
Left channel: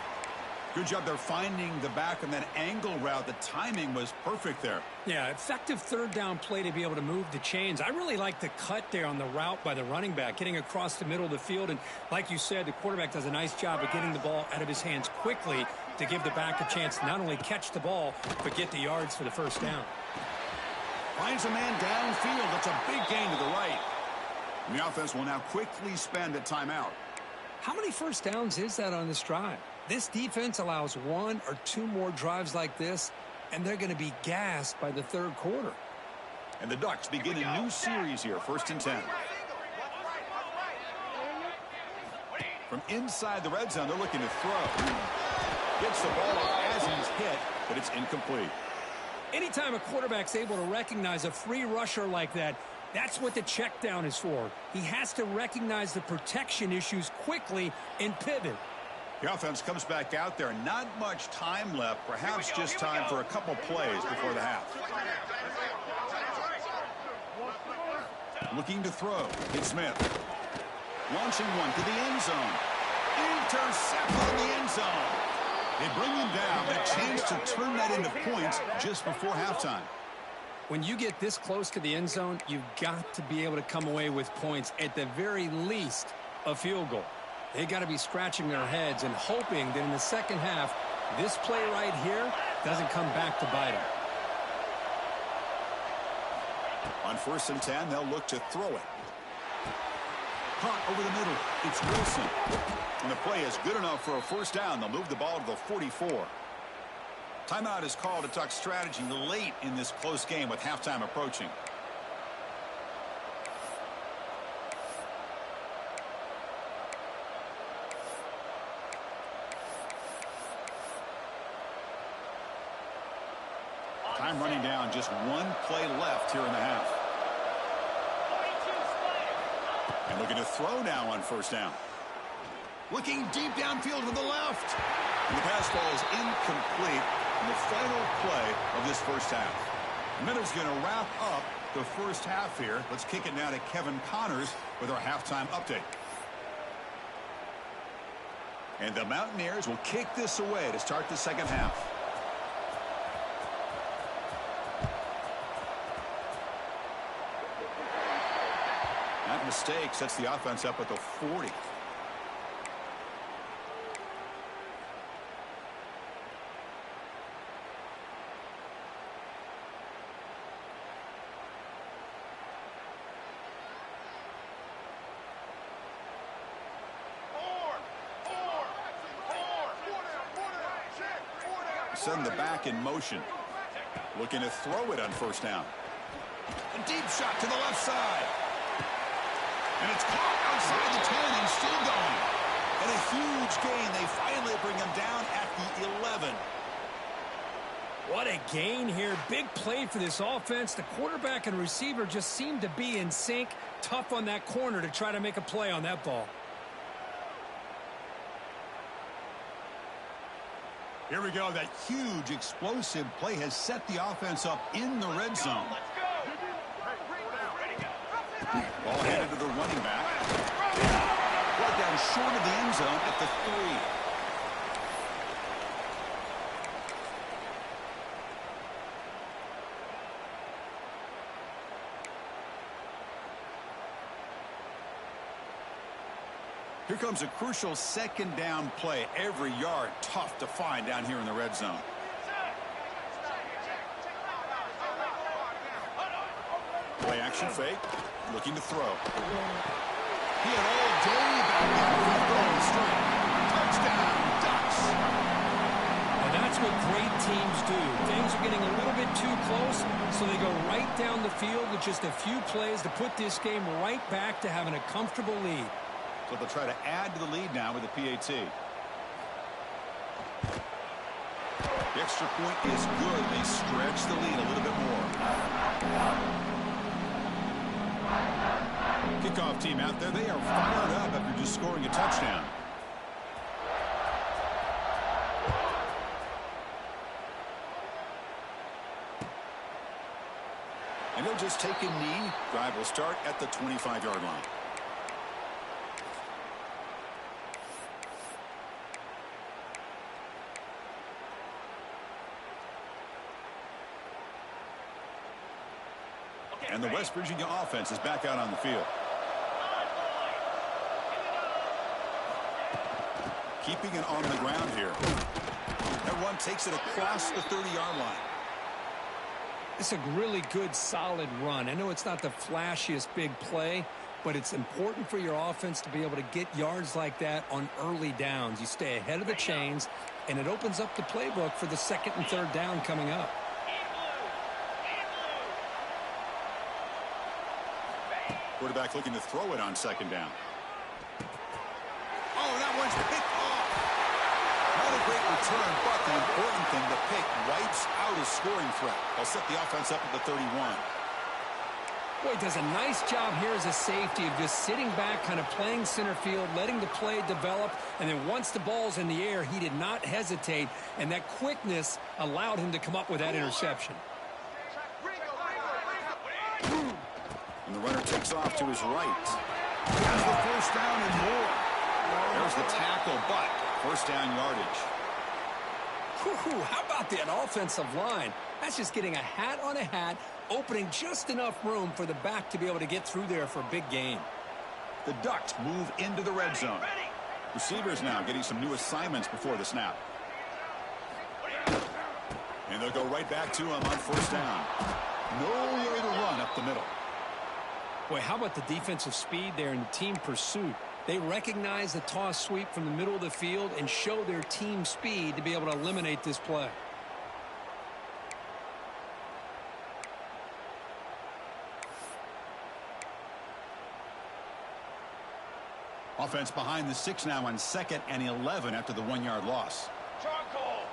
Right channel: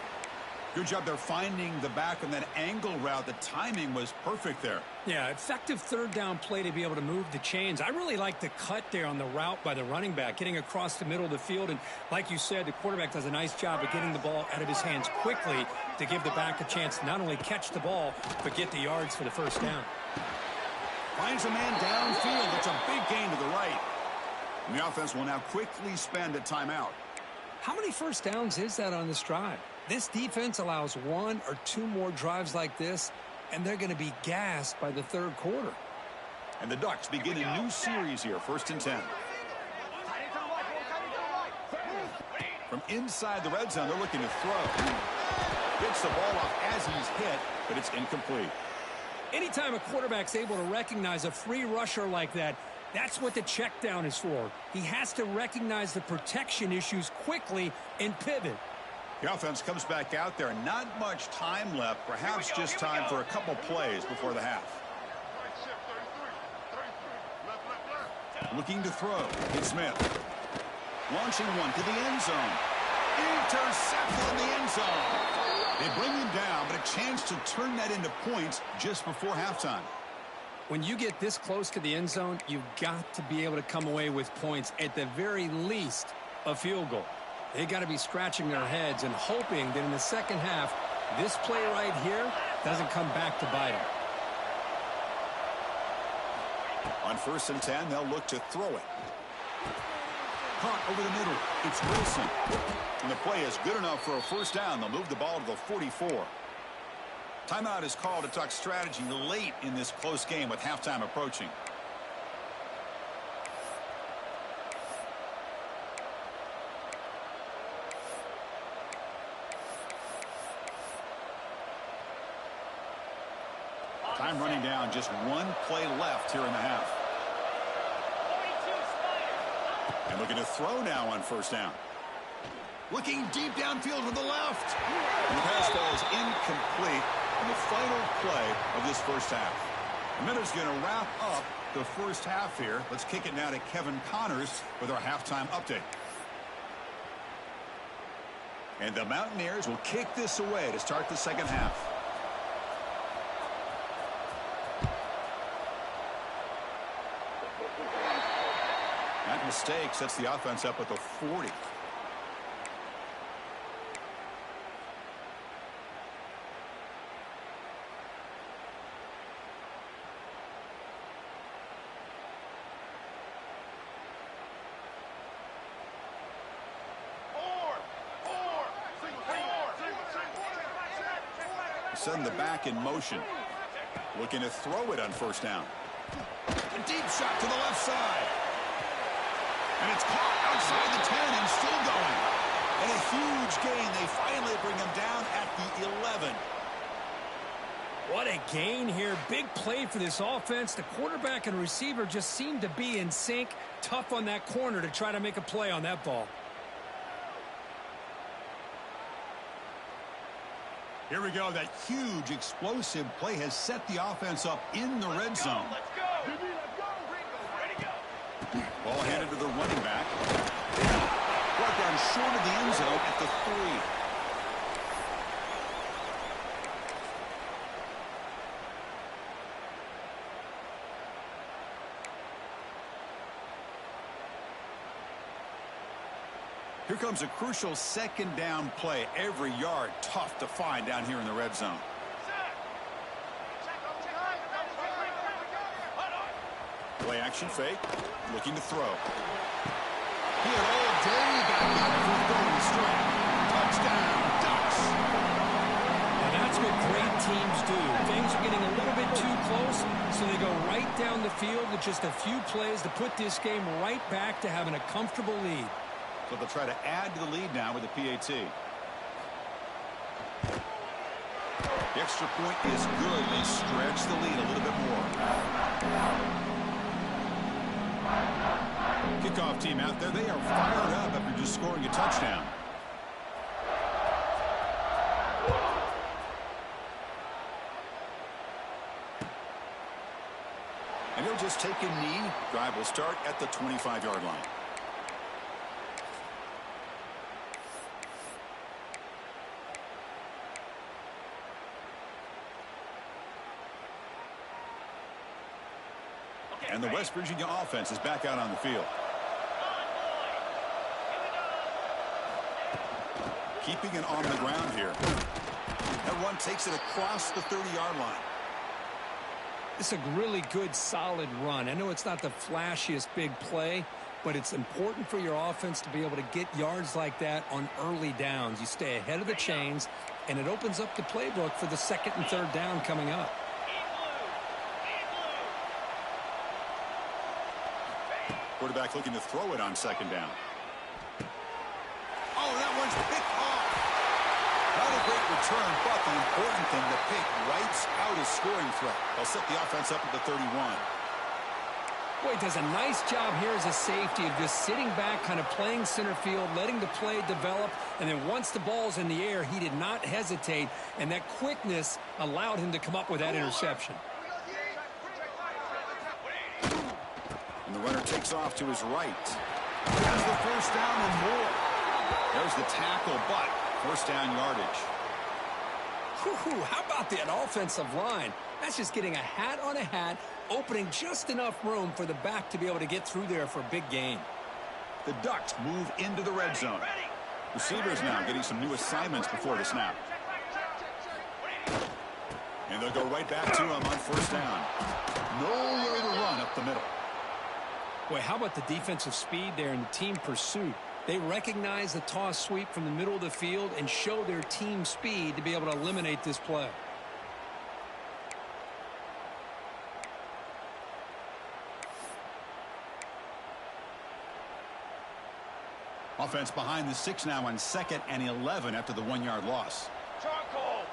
Good job there finding the back on that angle route. The timing was perfect there. Yeah, effective third down play to be able to move the chains. I really like the cut there on the route by the running back, getting across the middle of the field. And like you said, the quarterback does a nice job of getting the ball out of his hands quickly to give the back a chance to not only catch the ball, but get the yards for the first down. Finds a man downfield. That's a big gain to the right. And the offense will now quickly spend a timeout. How many first downs is that on this drive? This defense allows 1 or 2 more drives like this, and they're going to be gassed by the third quarter. And the Ducks begin a new series here, 1st and 10. From inside the red zone, they're looking to throw. Gets the ball off as he's hit, but it's incomplete. Anytime a quarterback's able to recognize a free rusher like that, that's what the check down is for. He has to recognize the protection issues quickly and pivot. The offense comes back out there. Not much time left. Perhaps just time for a couple plays before the half. Looking to throw. It's Smith. Launching one to the end zone. Intercepted in the end zone. They bring him down, but a chance to turn that into points just before halftime. When you get this close to the end zone, you've got to be able to come away with points, at the very least, a field goal. They got to be scratching their heads and hoping that in the second half, this play right here doesn't come back to bite them. On 1st and 10, they'll look to throw it. Caught over the middle. It's Wilson. And the play is good enough for a first down. They'll move the ball to the 44. Timeout is called to talk strategy late in this close game with halftime approaching. Time running down, just 1 play left here in the half. And looking to throw now on first down. Looking deep downfield to the left. And the pass falls incomplete in the final play of this first half. And then it's going to wrap up the first half here. Let's kick it now to Kevin Connors with our halftime update. And the Mountaineers will kick this away to start the second half. That mistake sets the offense up at the 40. Send the back in motion. Looking to throw it on first down. A deep shot to the left side. And it's caught outside the 10 and still going. And a huge gain. They finally bring him down at the 11. What a gain here. Big play for this offense. The quarterback and receiver just seem to be in sync. Tough on that corner to try to make a play on that ball. Here we go. That huge explosive play has set the offense up in the red zone. Let's go. Ready to go. Ball handed to the running back. Brought down short of the end zone at the 3. Here comes a crucial second down play. Every yard tough to find down here in the red zone. Play action fake. Looking to throw. He had all day back there before throwing the strike. Touchdown, Ducks. And that's what great teams do. Things are getting a little bit too close, so they go right down the field with just a few plays to put this game right back to having a comfortable lead. So they'll try to add to the lead now with the PAT. The extra point is good. They stretch the lead a little bit more. Kickoff team out there. They are fired up after just scoring a touchdown. And he'll just take a knee. Drive will start at the 25-yard line. And the West Virginia offense is back out on the field. Keeping it on the ground here. That run takes it across the 30-yard line. It's a really good, solid run. I know it's not the flashiest big play, but it's important for your offense to be able to get yards like that on early downs. You stay ahead of the chains, and it opens up the playbook for the second and third down coming up. Quarterback looking to throw it on second down. Oh, that one's picked off. Not a great return, but the important thing, the pick wipes out a scoring threat. They'll set the offense up at the 31. Boy, he does a nice job here as a safety of just sitting back, kind of playing center field, letting the play develop, and then once the ball's in the air, he did not hesitate, and that quickness allowed him to come up with that interception. And the runner takes off to his right. Has the first down and more. There's the tackle, but first down yardage. Whew, how about that offensive line? That's just getting a hat on a hat, opening just enough room for the back to be able to get through there for a big gain. The Ducks move into the red zone. Receivers now getting some new assignments before the snap. And they'll go right back to him on first down. Nowhere to run up the middle. Boy, how about the defensive speed there and the team pursuit? They recognize the toss sweep from the middle of the field and show their team speed to be able to eliminate this play. Offense behind the 6 now on 2nd and 11 after the 1-yard loss. Charcoal.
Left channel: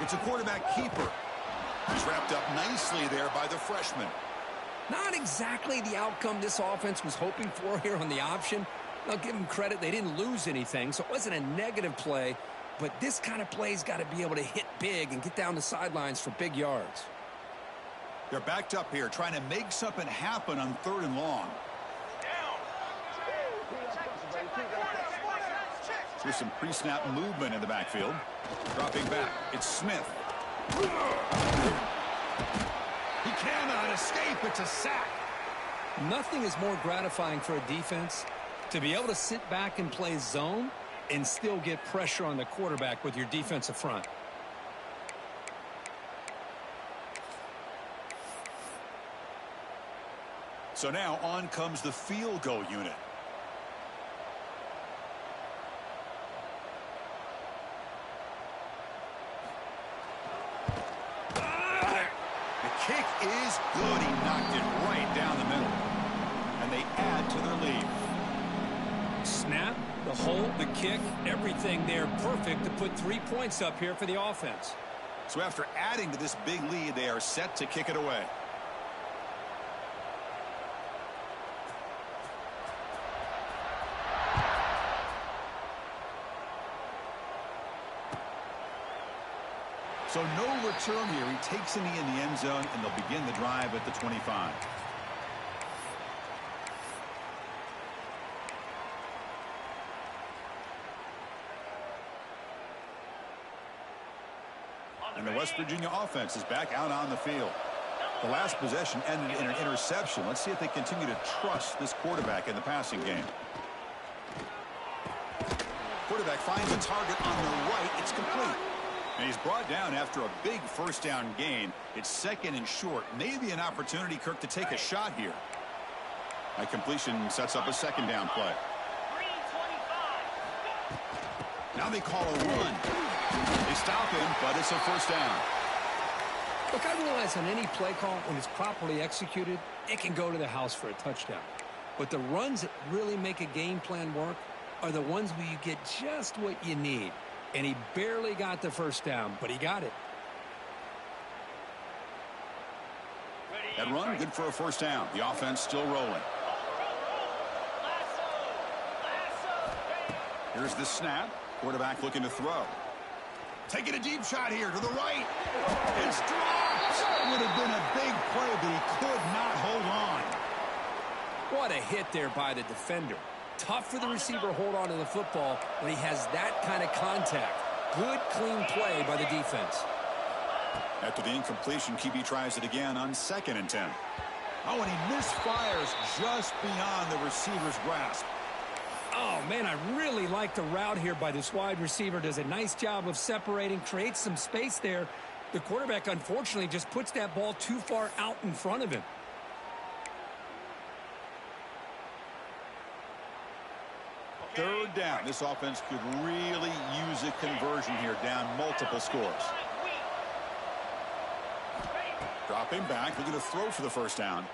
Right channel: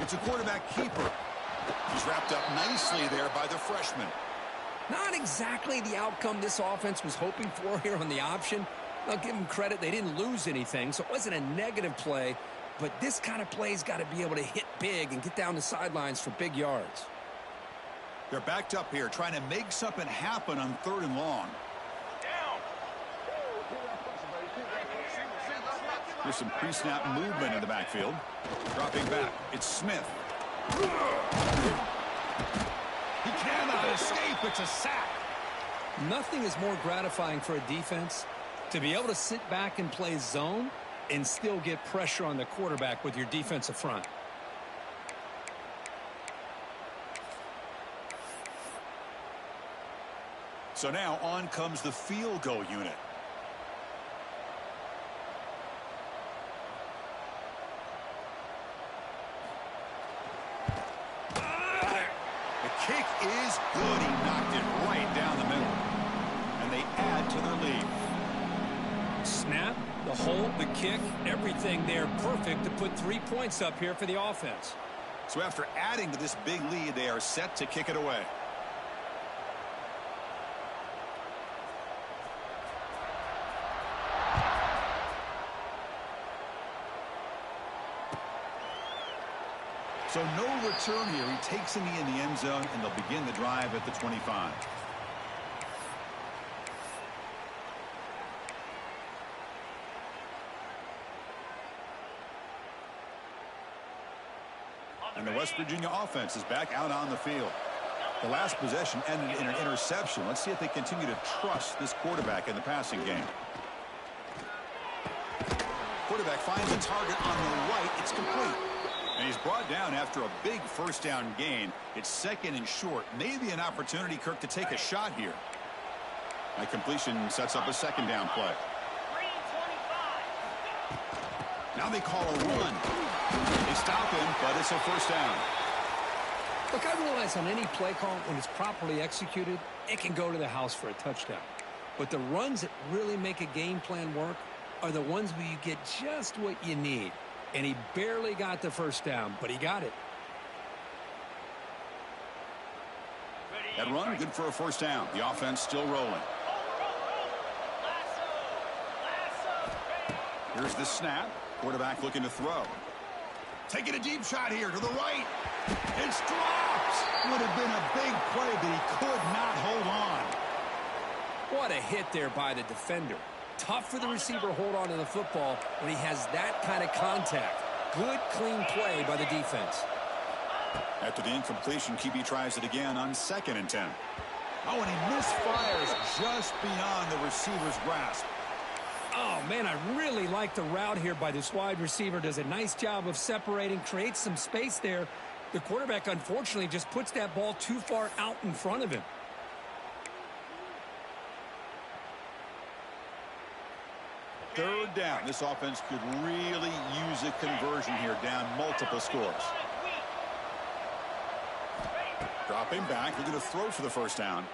It's a quarterback keeper. He's wrapped up nicely there by the freshman. Not exactly the outcome this offense was hoping for here on the option. I'll give them credit. They didn't lose anything, so it wasn't a negative play. But this kind of play's got to be able to hit big and get down the sidelines for big yards. They're backed up here trying to make something happen on 3rd and long. There's some pre-snap movement in the backfield. Dropping back. It's Smith. He cannot escape. It's a sack. Nothing is more gratifying for a defense to be able to sit back and play zone and still get pressure on the quarterback with your defensive front. So now on comes the field goal unit. The kick is good. He knocked it right down the middle. And they add to their lead. Snap, the hold, the kick, everything there perfect to put 3 points up here for the offense. So after adding to this big lead, they are set to kick it away. So no return here. He takes a knee in the end zone, and they'll begin the drive at the 25. And the West Virginia offense is back out on the field. The last possession ended in an interception. Let's see if they continue to trust this quarterback in the passing game. Quarterback finds a target on the right. It's complete. And he's brought down after a big first down gain. It's 2nd and short. Maybe an opportunity, Kirk, to take a shot here. That completion sets up a second down play. Green 25. Now they call a run. They stop him, but it's a first down. Look, I realize on any play call, when it's properly executed, it can go to the house for a touchdown. But the runs that really make a game plan work are the ones where you get just what you need. And he barely got the first down, but he got it. That run, good for a first down. The offense still rolling. Here's the snap. Quarterback looking to throw. Taking a deep shot here to the right. It's dropped. Would have been a big play, but he could not hold on. What a hit there by the defender. Tough for the receiver to hold on to the football when he has that kind of contact. Good, clean play by the defense. After the incompletion, QB tries it again on 2nd and 10. Oh, and he misfires just beyond the receiver's grasp. Oh, man, I really like the route here by this wide receiver. Does a nice job of separating, creates some space there. The quarterback, unfortunately, just puts that ball too far out in front of him. Third down. This offense could really use a conversion here, down multiple scores. Dropping back, looking to throw for the first down.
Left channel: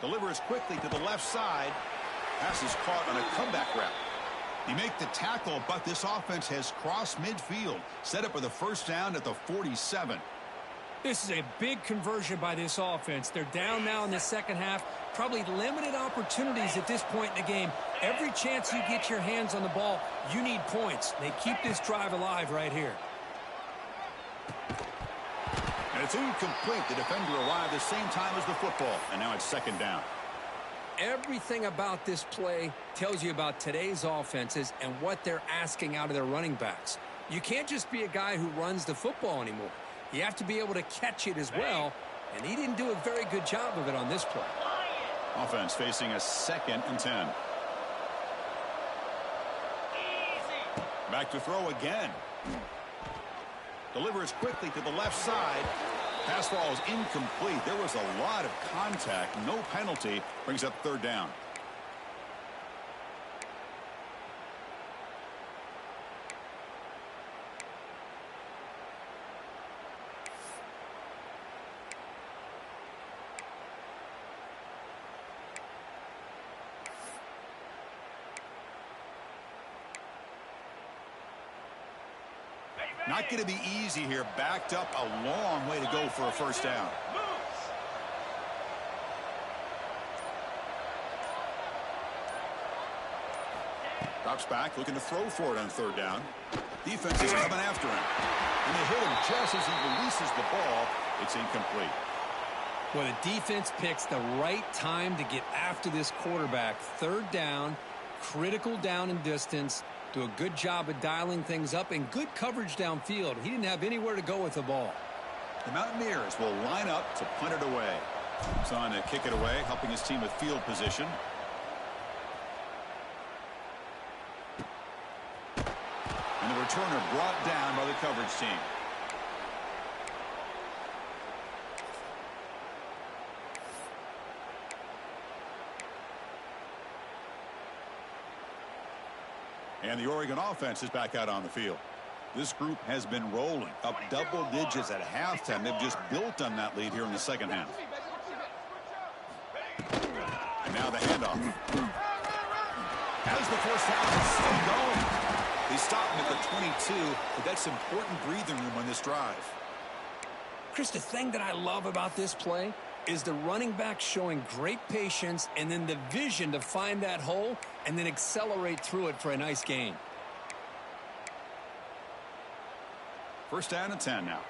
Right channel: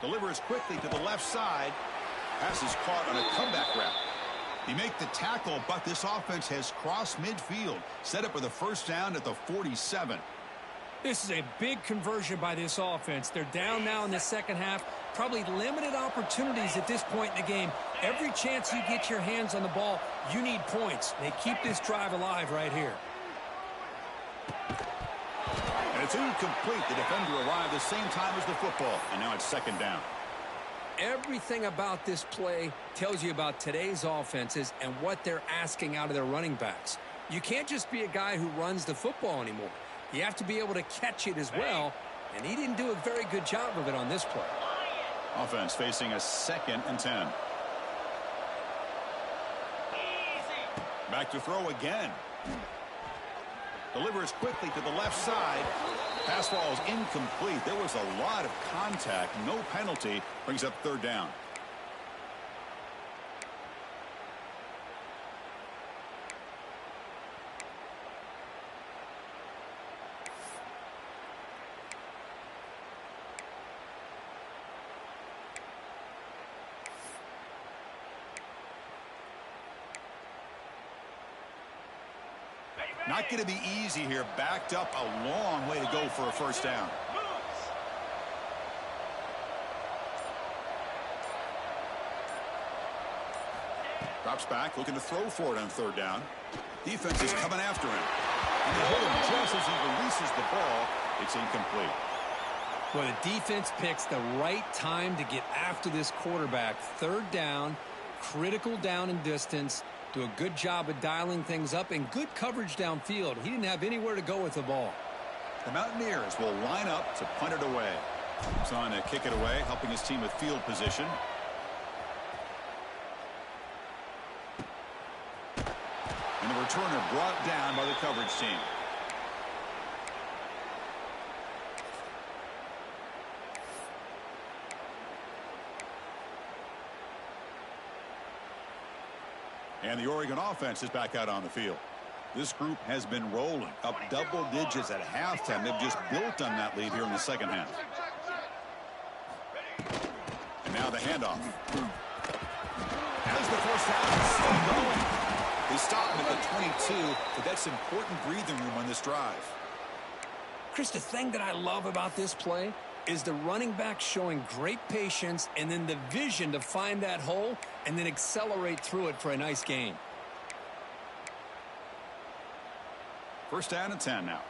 Delivers quickly to the left side. Pass is caught on a comeback route. He make the tackle, but this offense has crossed midfield. Set up for the first down at the 47. This is a big conversion by this offense. They're down now in the second half. Probably limited opportunities at this point in the game. Every chance you get your hands on the ball, you need points. They keep this drive alive right here. And it's incomplete. The defender arrived the same time as the football, and now it's second down. Everything about this play tells you about today's offenses and what they're asking out of their running backs. You can't just be a guy who runs the football anymore. You have to be able to catch it as well, and he didn't do a very good job of it on this play. Offense facing a 2nd and 10. Back to throw again. Delivers quickly to the left side. Pass falls incomplete. There was a lot of contact. No penalty. Brings up third down. Not going to be easy here. Backed up a long way to go for a first down. Drops back, looking to throw for it on third down. Defense is coming after him. And they hit him just as he releases the ball. It's incomplete. Well, the defense picks the right time to get after this quarterback. Third down, critical down and distance. Do a good job of dialing things up and good coverage downfield. He didn't have anywhere to go with the ball. The Mountaineers will line up to punt it away. He's on to kick it away, helping his team with field position. And the returner brought down by the coverage team. And the Oregon offense is back out on the field. This group has been rolling up double digits at halftime. They've just built on that lead here in the second half. And now the handoff. Has the first half is still going. They stop him at the 22, but that's important breathing room on this drive. Chris, the thing that I love about this play is the running back showing great patience and then the vision to find that hole and then accelerate through it for a nice gain. First down and 10 now.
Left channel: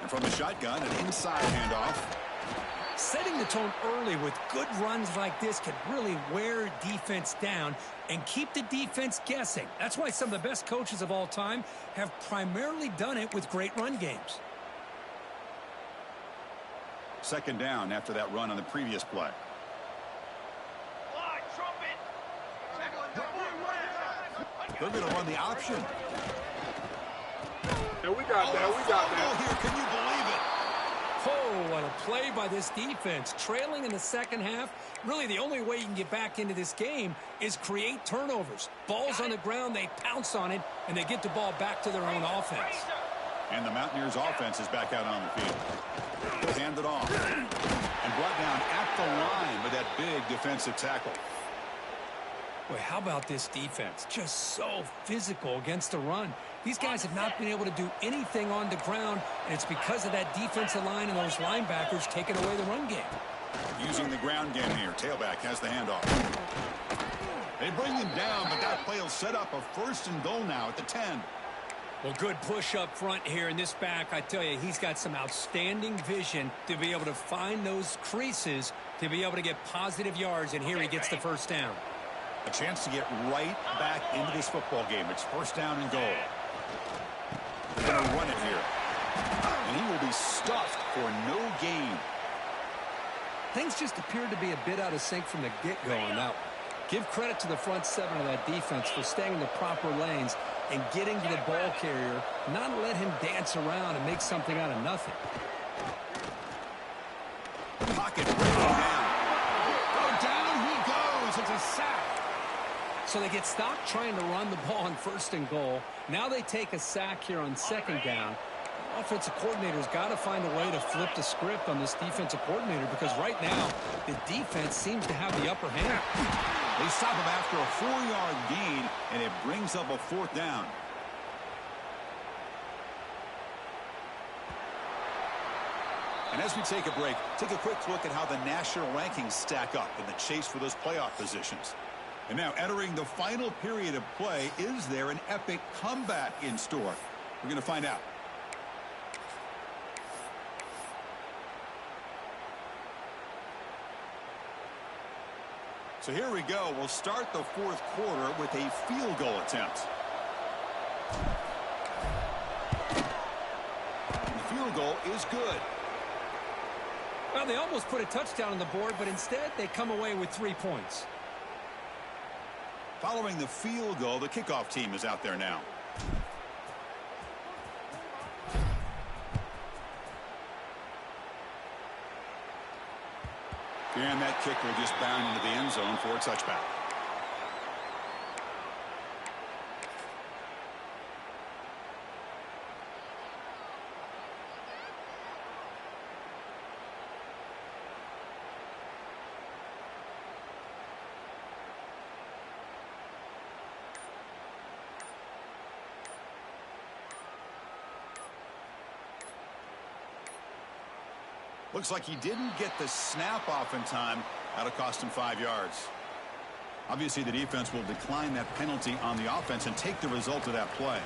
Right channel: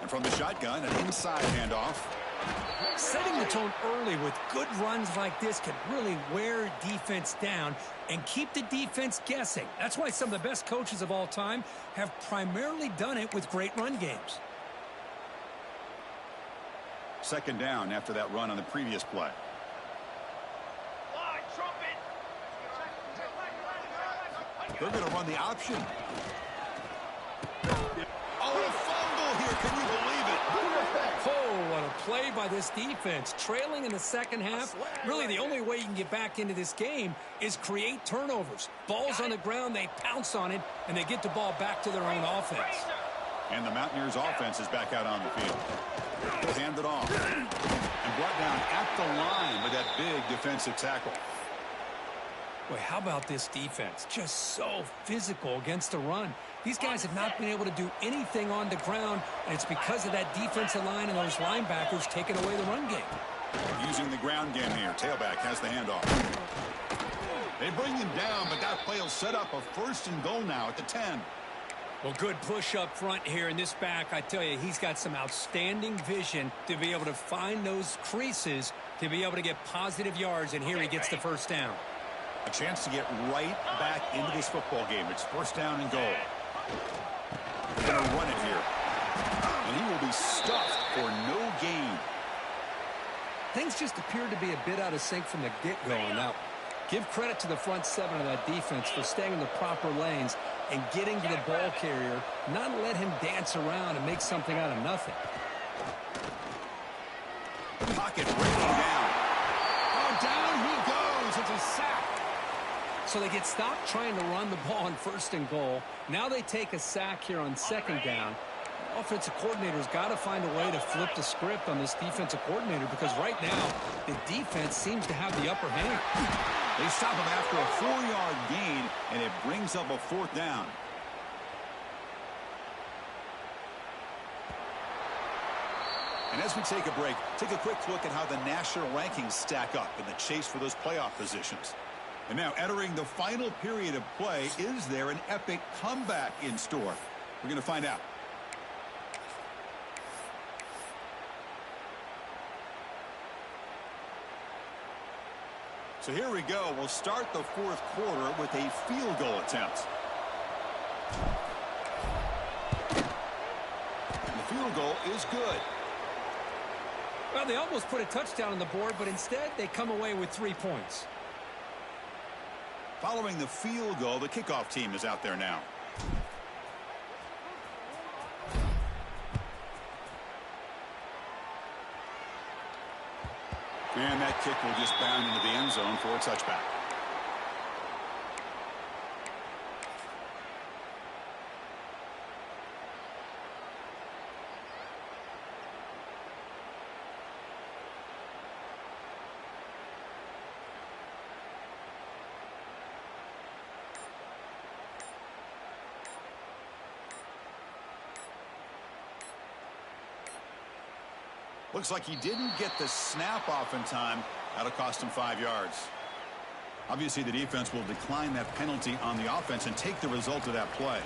And from the shotgun, an inside handoff. Setting the tone early with good runs like this can really wear defense down and keep the defense guessing. That's why some of the best coaches of all time have primarily done it with great run games. Second down after that run on the previous play. They're going to run the option. Oh, and a fumble here. Can you believe it? Oh, what a play by this defense. Trailing in the second half, really the only way you can get back into this game is create turnovers. Ball's on the ground, they pounce on it, and they get the ball back to their own offense. And the Mountaineers' offense is back out on the field. Hand it off. And brought down at the line with that big defensive tackle. Boy, how about this defense? Just so physical against the run. These guys have not been able to do anything on the ground, and it's because of that defensive line and those linebackers taking away the run game. Using the ground game here. Tailback has the handoff. They bring him down, but that play will set up a 1st and goal now at the 10. Well, good push up front here in this back. I tell you, he's got some outstanding vision to be able to find those creases to be able to get positive yards, and here he gets the first down. A chance to get right back into this football game. It's 1st down and goal. They're going to run it here. And he will be stuffed for no gain. Things just appeared to be a bit out of sync from the get-go on that one. Give credit to the front 7 of that defense for staying in the proper lanes and getting to the ball carrier, not let him dance around and make something out of nothing. Pocket breaking down. Oh, down he goes. It's a sack. So they get stopped trying to run the ball on 1st and goal. Now they take a sack here on 2nd down. The offensive coordinator's got to find a way to flip the script on this defensive coordinator, because right now the defense seems to have the upper hand. They stop him after a 4-yard gain, and it brings up a 4th down. And as we take a break, take a quick look at how the national rankings stack up in the chase for those playoff positions. And now entering the final period of play, is there an epic comeback in store? We're going to find out. So here we go. We'll start the 4th quarter with a field goal attempt. And the field goal is good. Well, they almost put a touchdown on the board, but instead they come away with 3 points. Following the field goal, the kickoff team is out there now. And that kick will just bound into the end zone for a touchback. Looks like he didn't get the snap off in time. That'll cost him 5 yards. Obviously, the defense will decline that penalty on the offense and take the result of that play.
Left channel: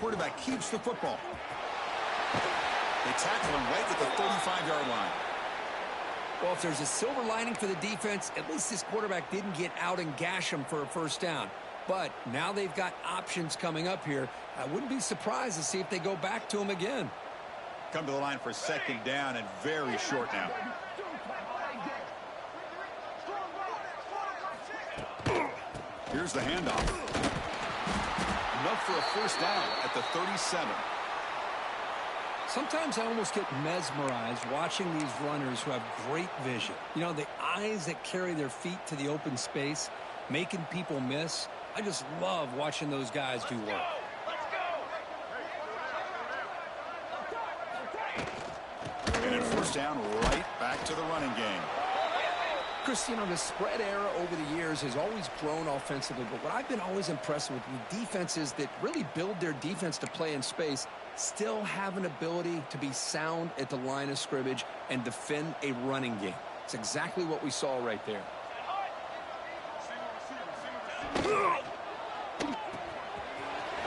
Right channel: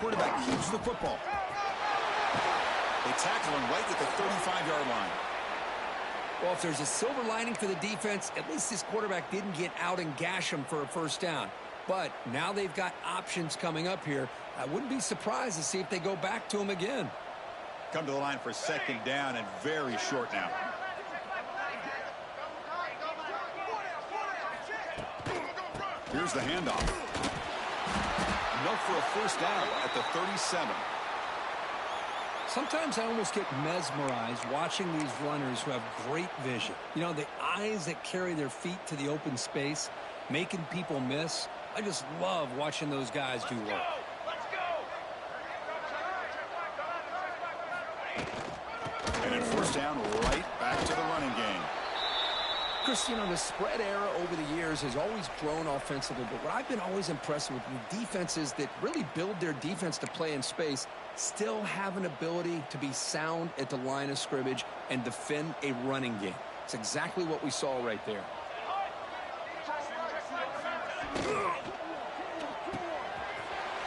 Quarterback keeps the football. They tackle him right at the 35-yard line. Well, if there's a silver lining for the defense, at least this quarterback didn't get out and gash him for a 1st down. But now they've got options coming up here. I wouldn't be surprised to see if they go back to him again. Come to the line for 2nd down and very short now. Here's the handoff. Enough for a 1st down at the 37. Sometimes I almost get mesmerized watching these runners who have great vision. You know, the eyes that carry their feet to the open space, making people miss. I just love watching those guys do work. Let's go! And at 1st down, right back to the running game. Chris, you know, the spread era over the years has always grown offensively, but what I've been always impressed with the defenses that really build their defense to play in space still have an ability to be sound at the line of scrimmage and defend a running game. It's exactly what we saw right there.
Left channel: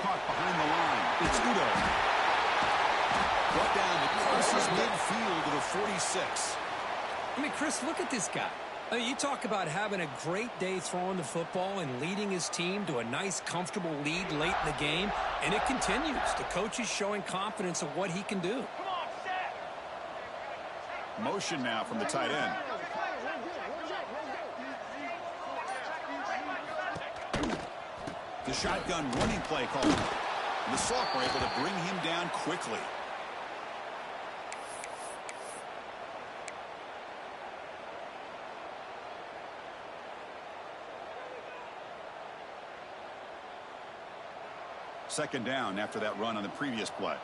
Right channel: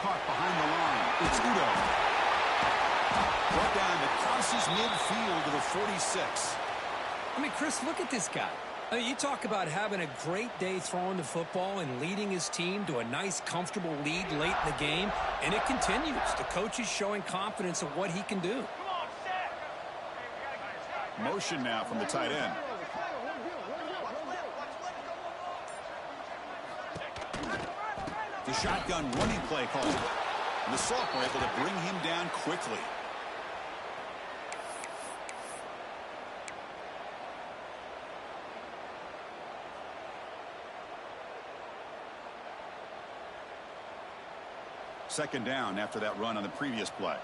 Caught behind the line. It's Udo. Brought down, it crosses midfield to the 46. I mean, Chris, look at this guy. You talk about having a great day throwing the football and leading his team to a nice, comfortable lead late in the game, and it continues. The coach is showing confidence of what he can do. Come on, set. Motion now from the tight end. The shotgun running play call. And the Salk were able to bring him down quickly. Second down after that run on the previous play.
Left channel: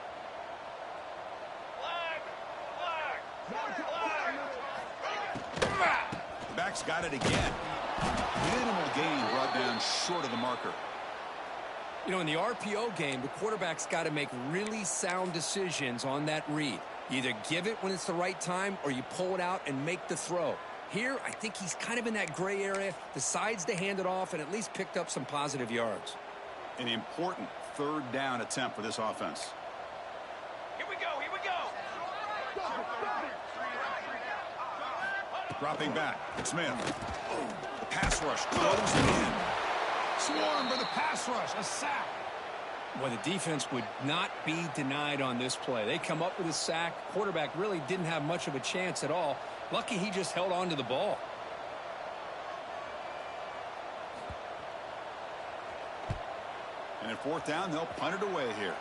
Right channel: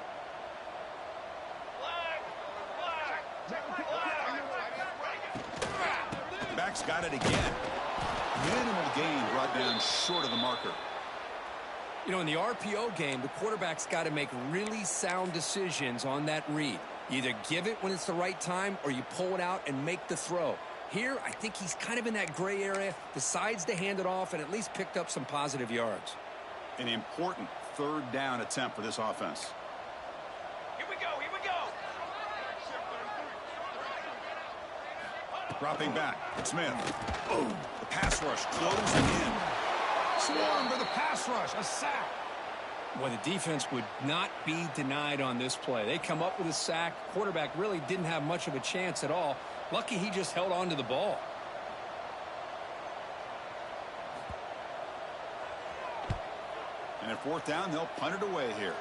Back's got it again. Minimal gain brought down short of the marker. You know, in the RPO game, the quarterback's got to make really sound decisions on that read. You either give it when it's the right time or you pull it out and make the throw. Here, I think he's kind of in that gray area, decides to hand it off and at least picked up some positive yards. An important third down attempt for this offense. Here we go, here we go. Dropping back, Smith. Oh, the pass rush closing in. Swarm for the pass rush, a sack. Well, the defense would not be denied on this play. They come up with a sack. Quarterback really didn't have much of a chance at all. Lucky he just held on to the ball. And at fourth down, they'll punt it away here.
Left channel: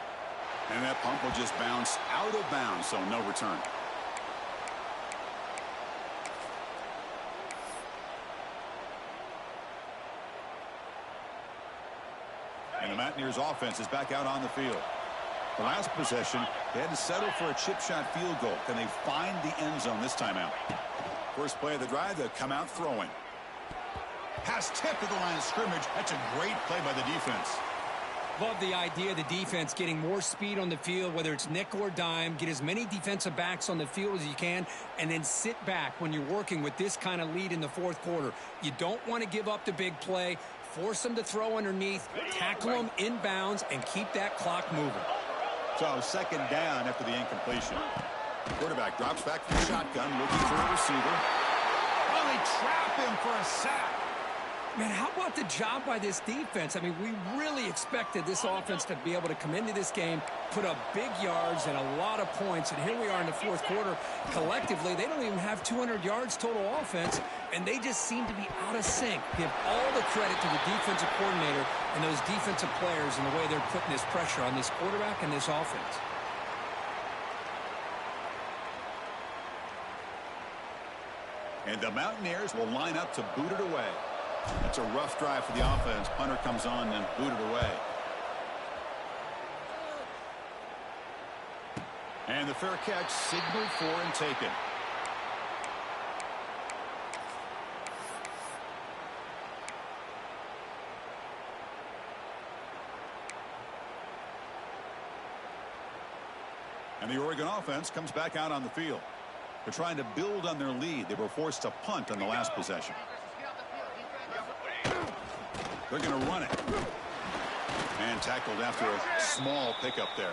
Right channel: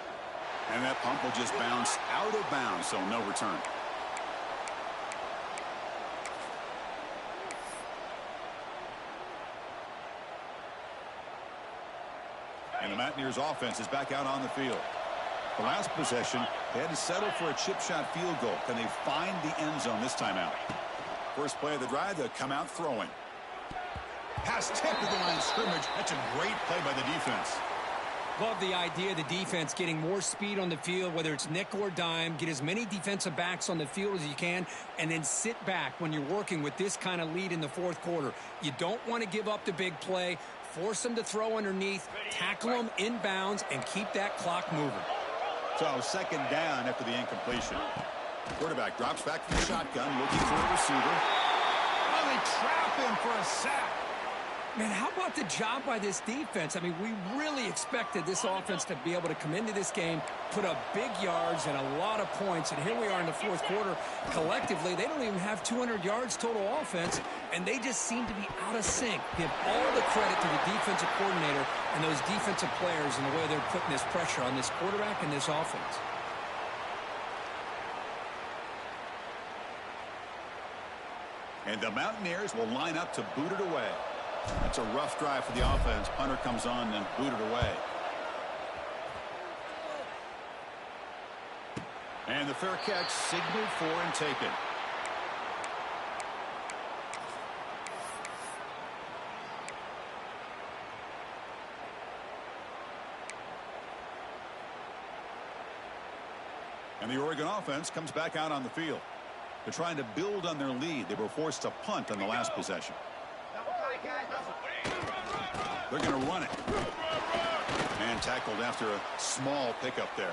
And that punt will just bounce out of bounds, so no return. And the Mountaineers offense is back out on the field. The last possession, they had to settle for a chip shot field goal. Can they find the end zone this time out? First play of the drive, they'll come out throwing. Pass tip to the line of scrimmage. That's a great play by the defense. Love the idea of the defense getting more speed on the field, whether it's nickel or dime. Get as many defensive backs on the field as you can, and then sit back when you're working with this kind of lead in the fourth quarter. You don't want to give up the big play. Force them to throw underneath, tackle them inbounds, and keep that clock moving. So second down after the incompletion. Quarterback drops back from the shotgun, looking for a receiver. Oh, they trap him for a sack. Man, how about the job by this defense? I mean, we really expected this offense to be able to come into this game, put up big yards and a lot of points, and here we are in the fourth quarter. Collectively, they don't even have 200 yards total offense, and they just seem to be out of sync. Give all the credit to the defensive coordinator and those defensive players in the way they're putting this pressure on this quarterback and this offense. And the Mountaineers will line up to boot it away. That's a rough drive for the offense. Punter comes on and booted away. And the fair catch signaled for and taken. And the Oregon offense comes back out on the field. They're trying to build on their lead. They were forced to punt on the last possession. They're going to run it. And tackled after a small pickup there.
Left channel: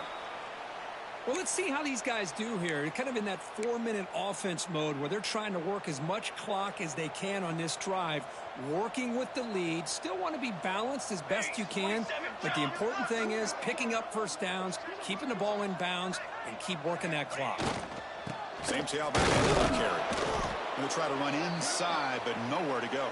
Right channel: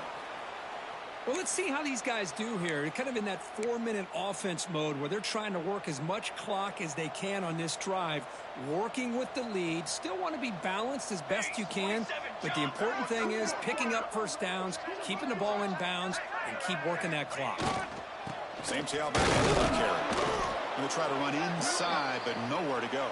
Well, let's see how these guys do here. They're kind of in that 4-minute offense mode where they're trying to work as much clock as they can on this drive, working with the lead. Still want to be balanced as best you can, but the important thing is picking up first downs, keeping the ball in bounds, and keep working that clock. Same tailback and carry. Going to try to run inside, but nowhere to go.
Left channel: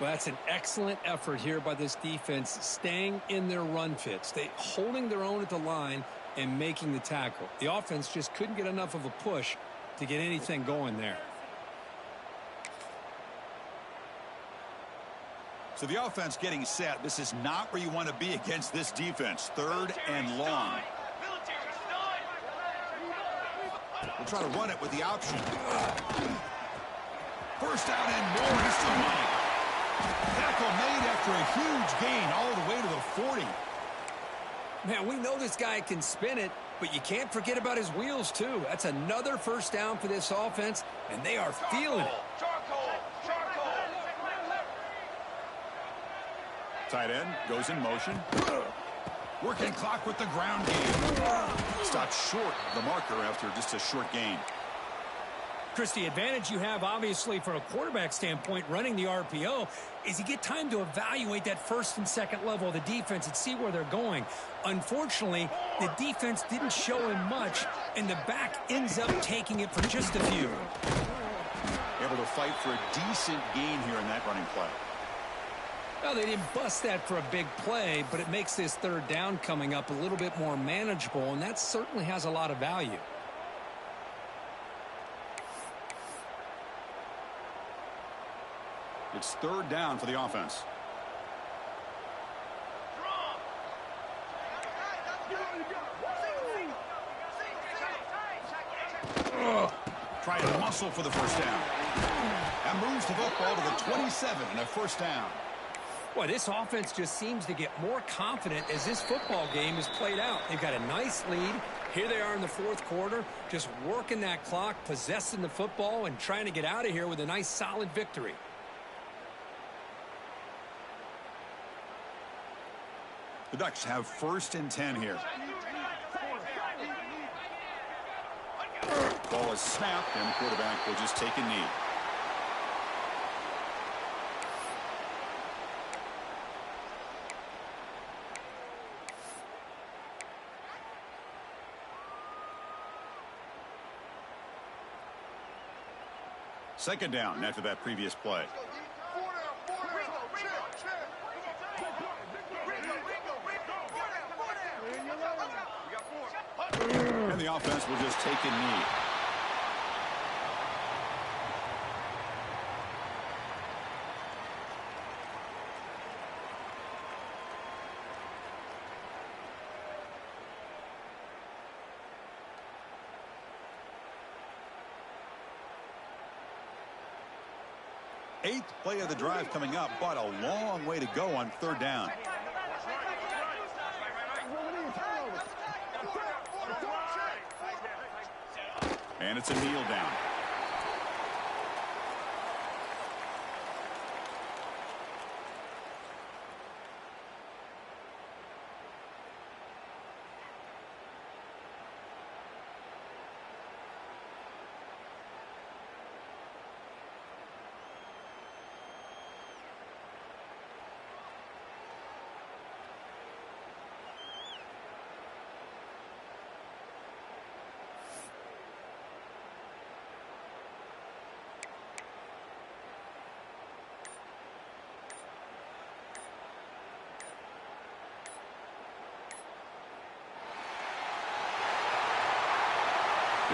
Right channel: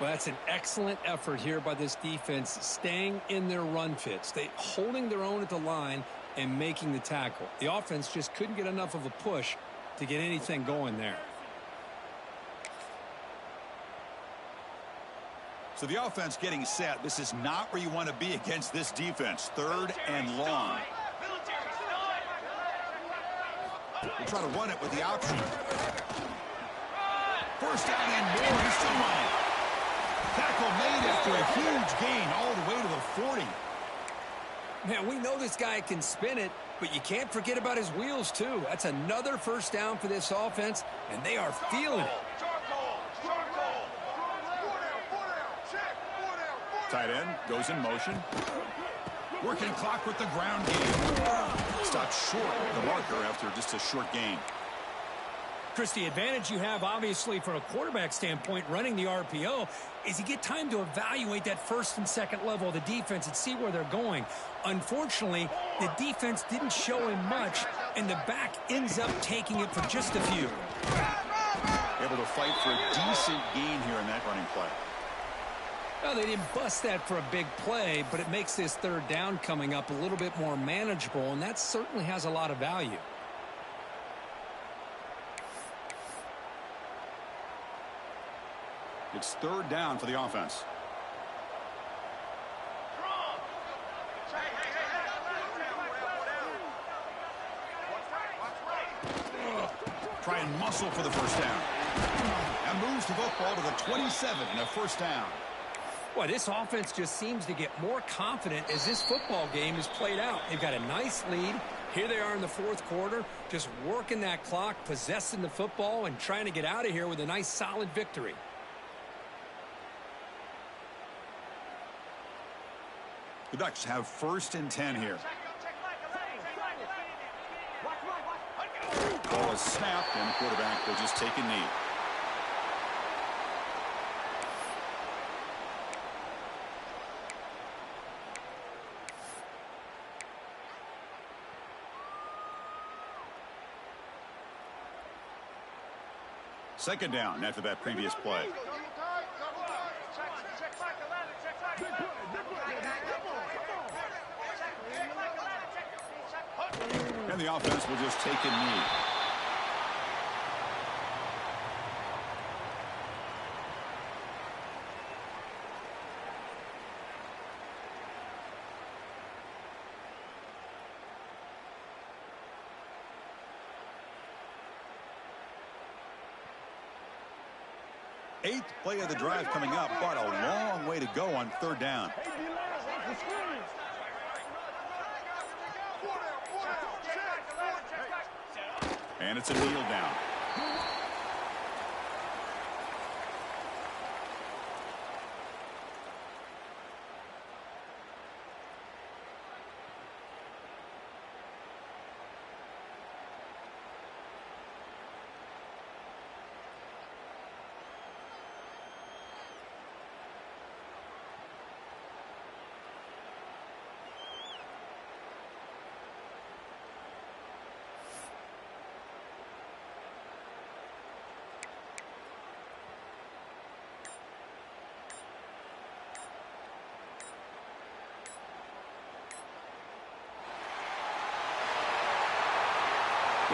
Well, that's an excellent effort here by this defense, staying in their run fits. They holding their own at the line and making the tackle. The offense just couldn't get enough of a push to get anything going there. So the offense getting set. This is not where you want to be against this defense. Third and long. We'll try to run it with the option. First down and more. He's still running. Tackle made after a huge gain all the way to the 40. Man, we know this guy can spin it, but you can't forget about his wheels, too. That's another first down for this offense, and they are feeling it. Tight end goes in motion. Working clock with the ground game. Stopped short of the marker after just a short gain. Chris, the advantage you have, obviously, from a quarterback standpoint, running the RPO, is you get time to evaluate that first and second level of the defense and see where they're going. Unfortunately, the defense didn't show him much, and the back ends up taking it for just a few. Able to fight for a decent gain here in that running play. Well, they didn't bust that for a big play, but it makes this third down coming up a little bit more manageable, and that certainly has a lot of value. It's third down for the offense. Try and muscle for the first down. And moves the football to the 27 and a first down. Well, this offense just seems to get more confident as this football game is played out. They've got a nice lead. Here they are in the fourth quarter, just working that clock, possessing the football, and trying to get out of here with a nice, solid victory. The Ducks have first and 10 here. Ball is snapped, and the quarterback will just take a knee. Second down after that previous play. And the offense will just take a knee. Eighth play of the drive coming up, but a long way to go on third down. And it's a kneel down.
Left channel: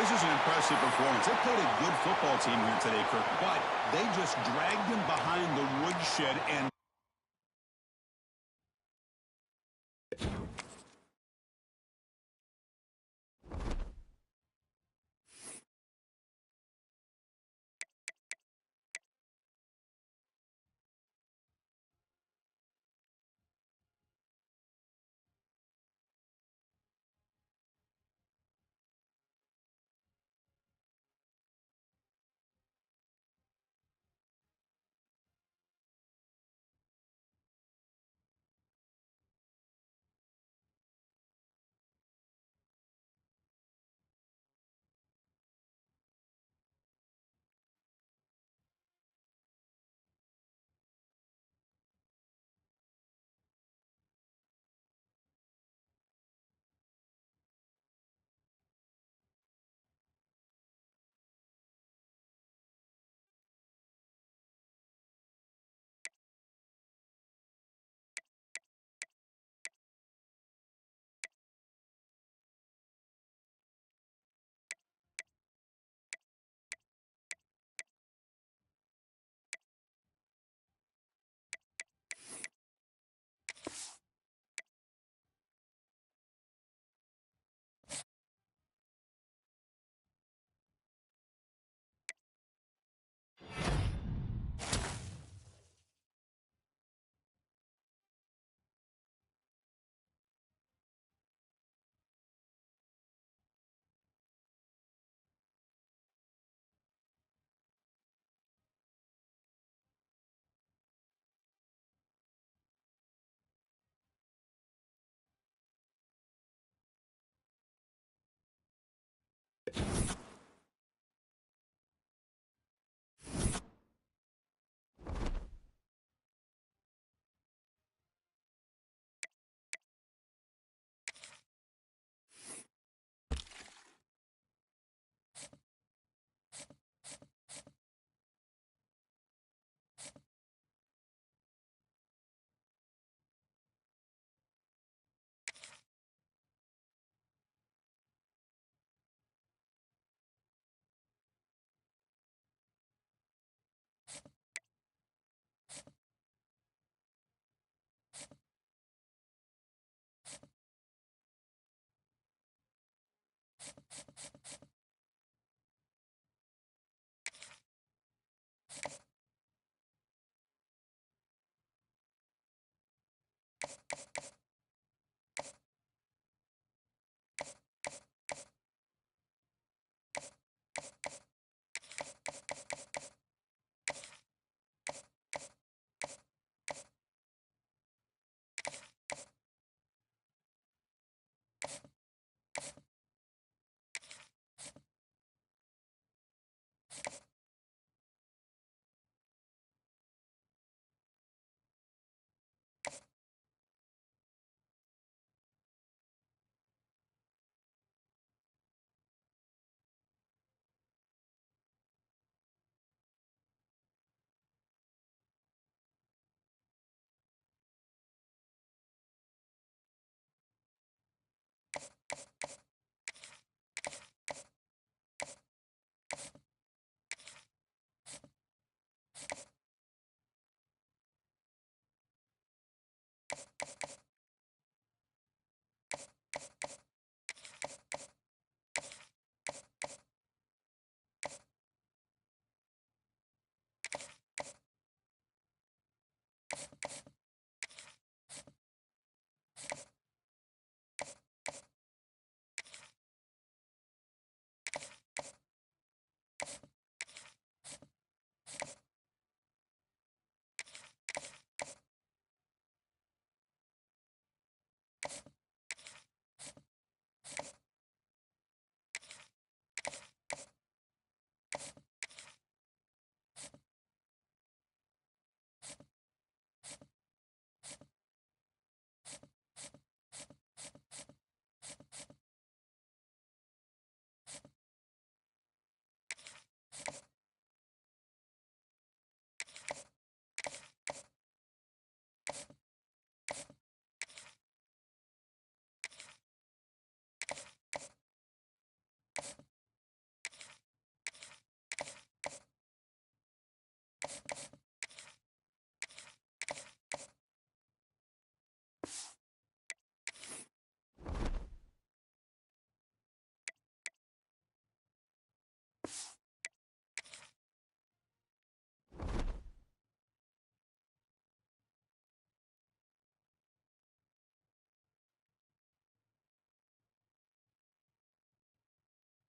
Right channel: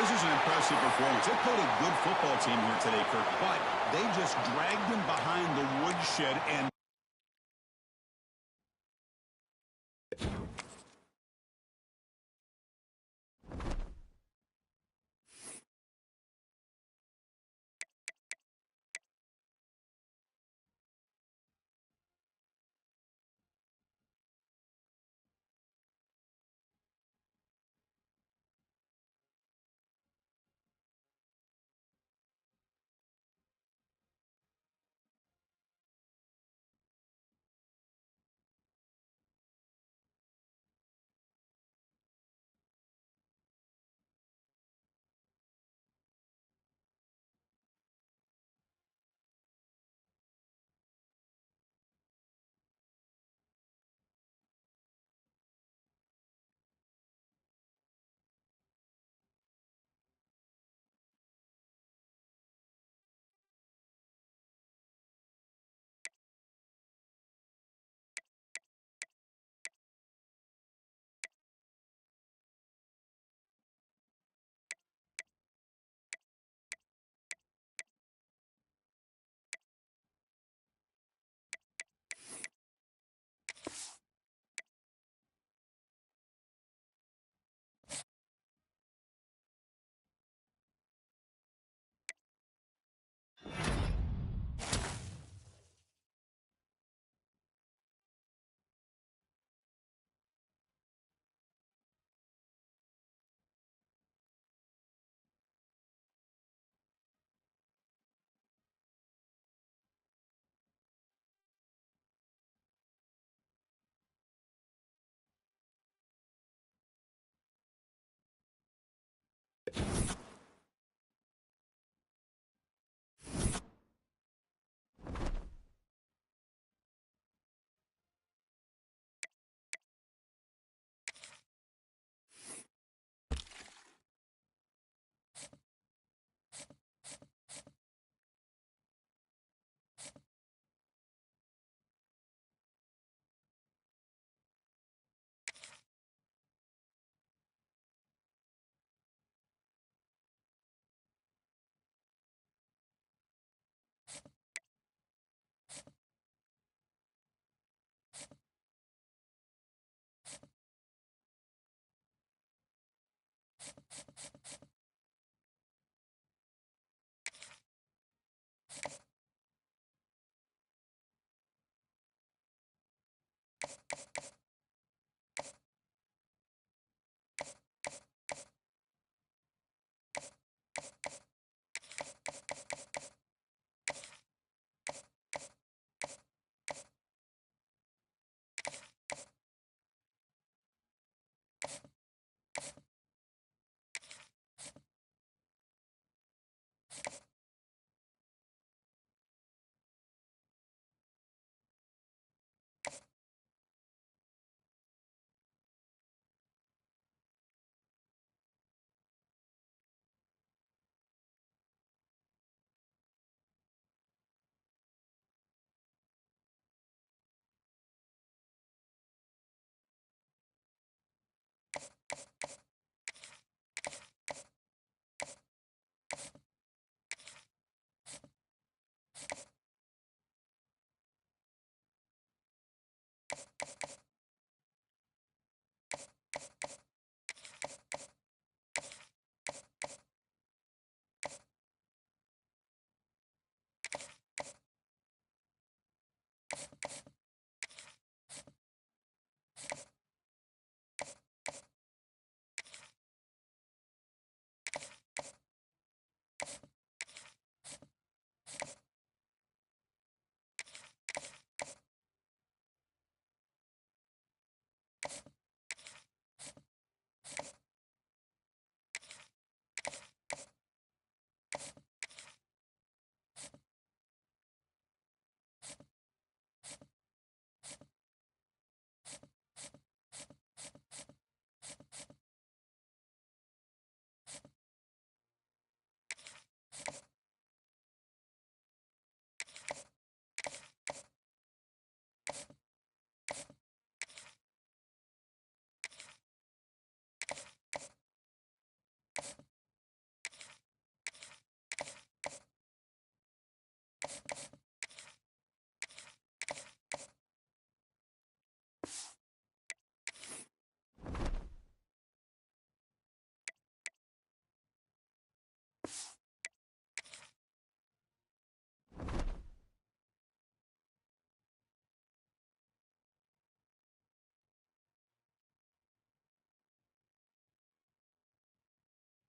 This is an impressive performance. They played a good football team here today, Kirk, but they just dragged them behind the woodshed and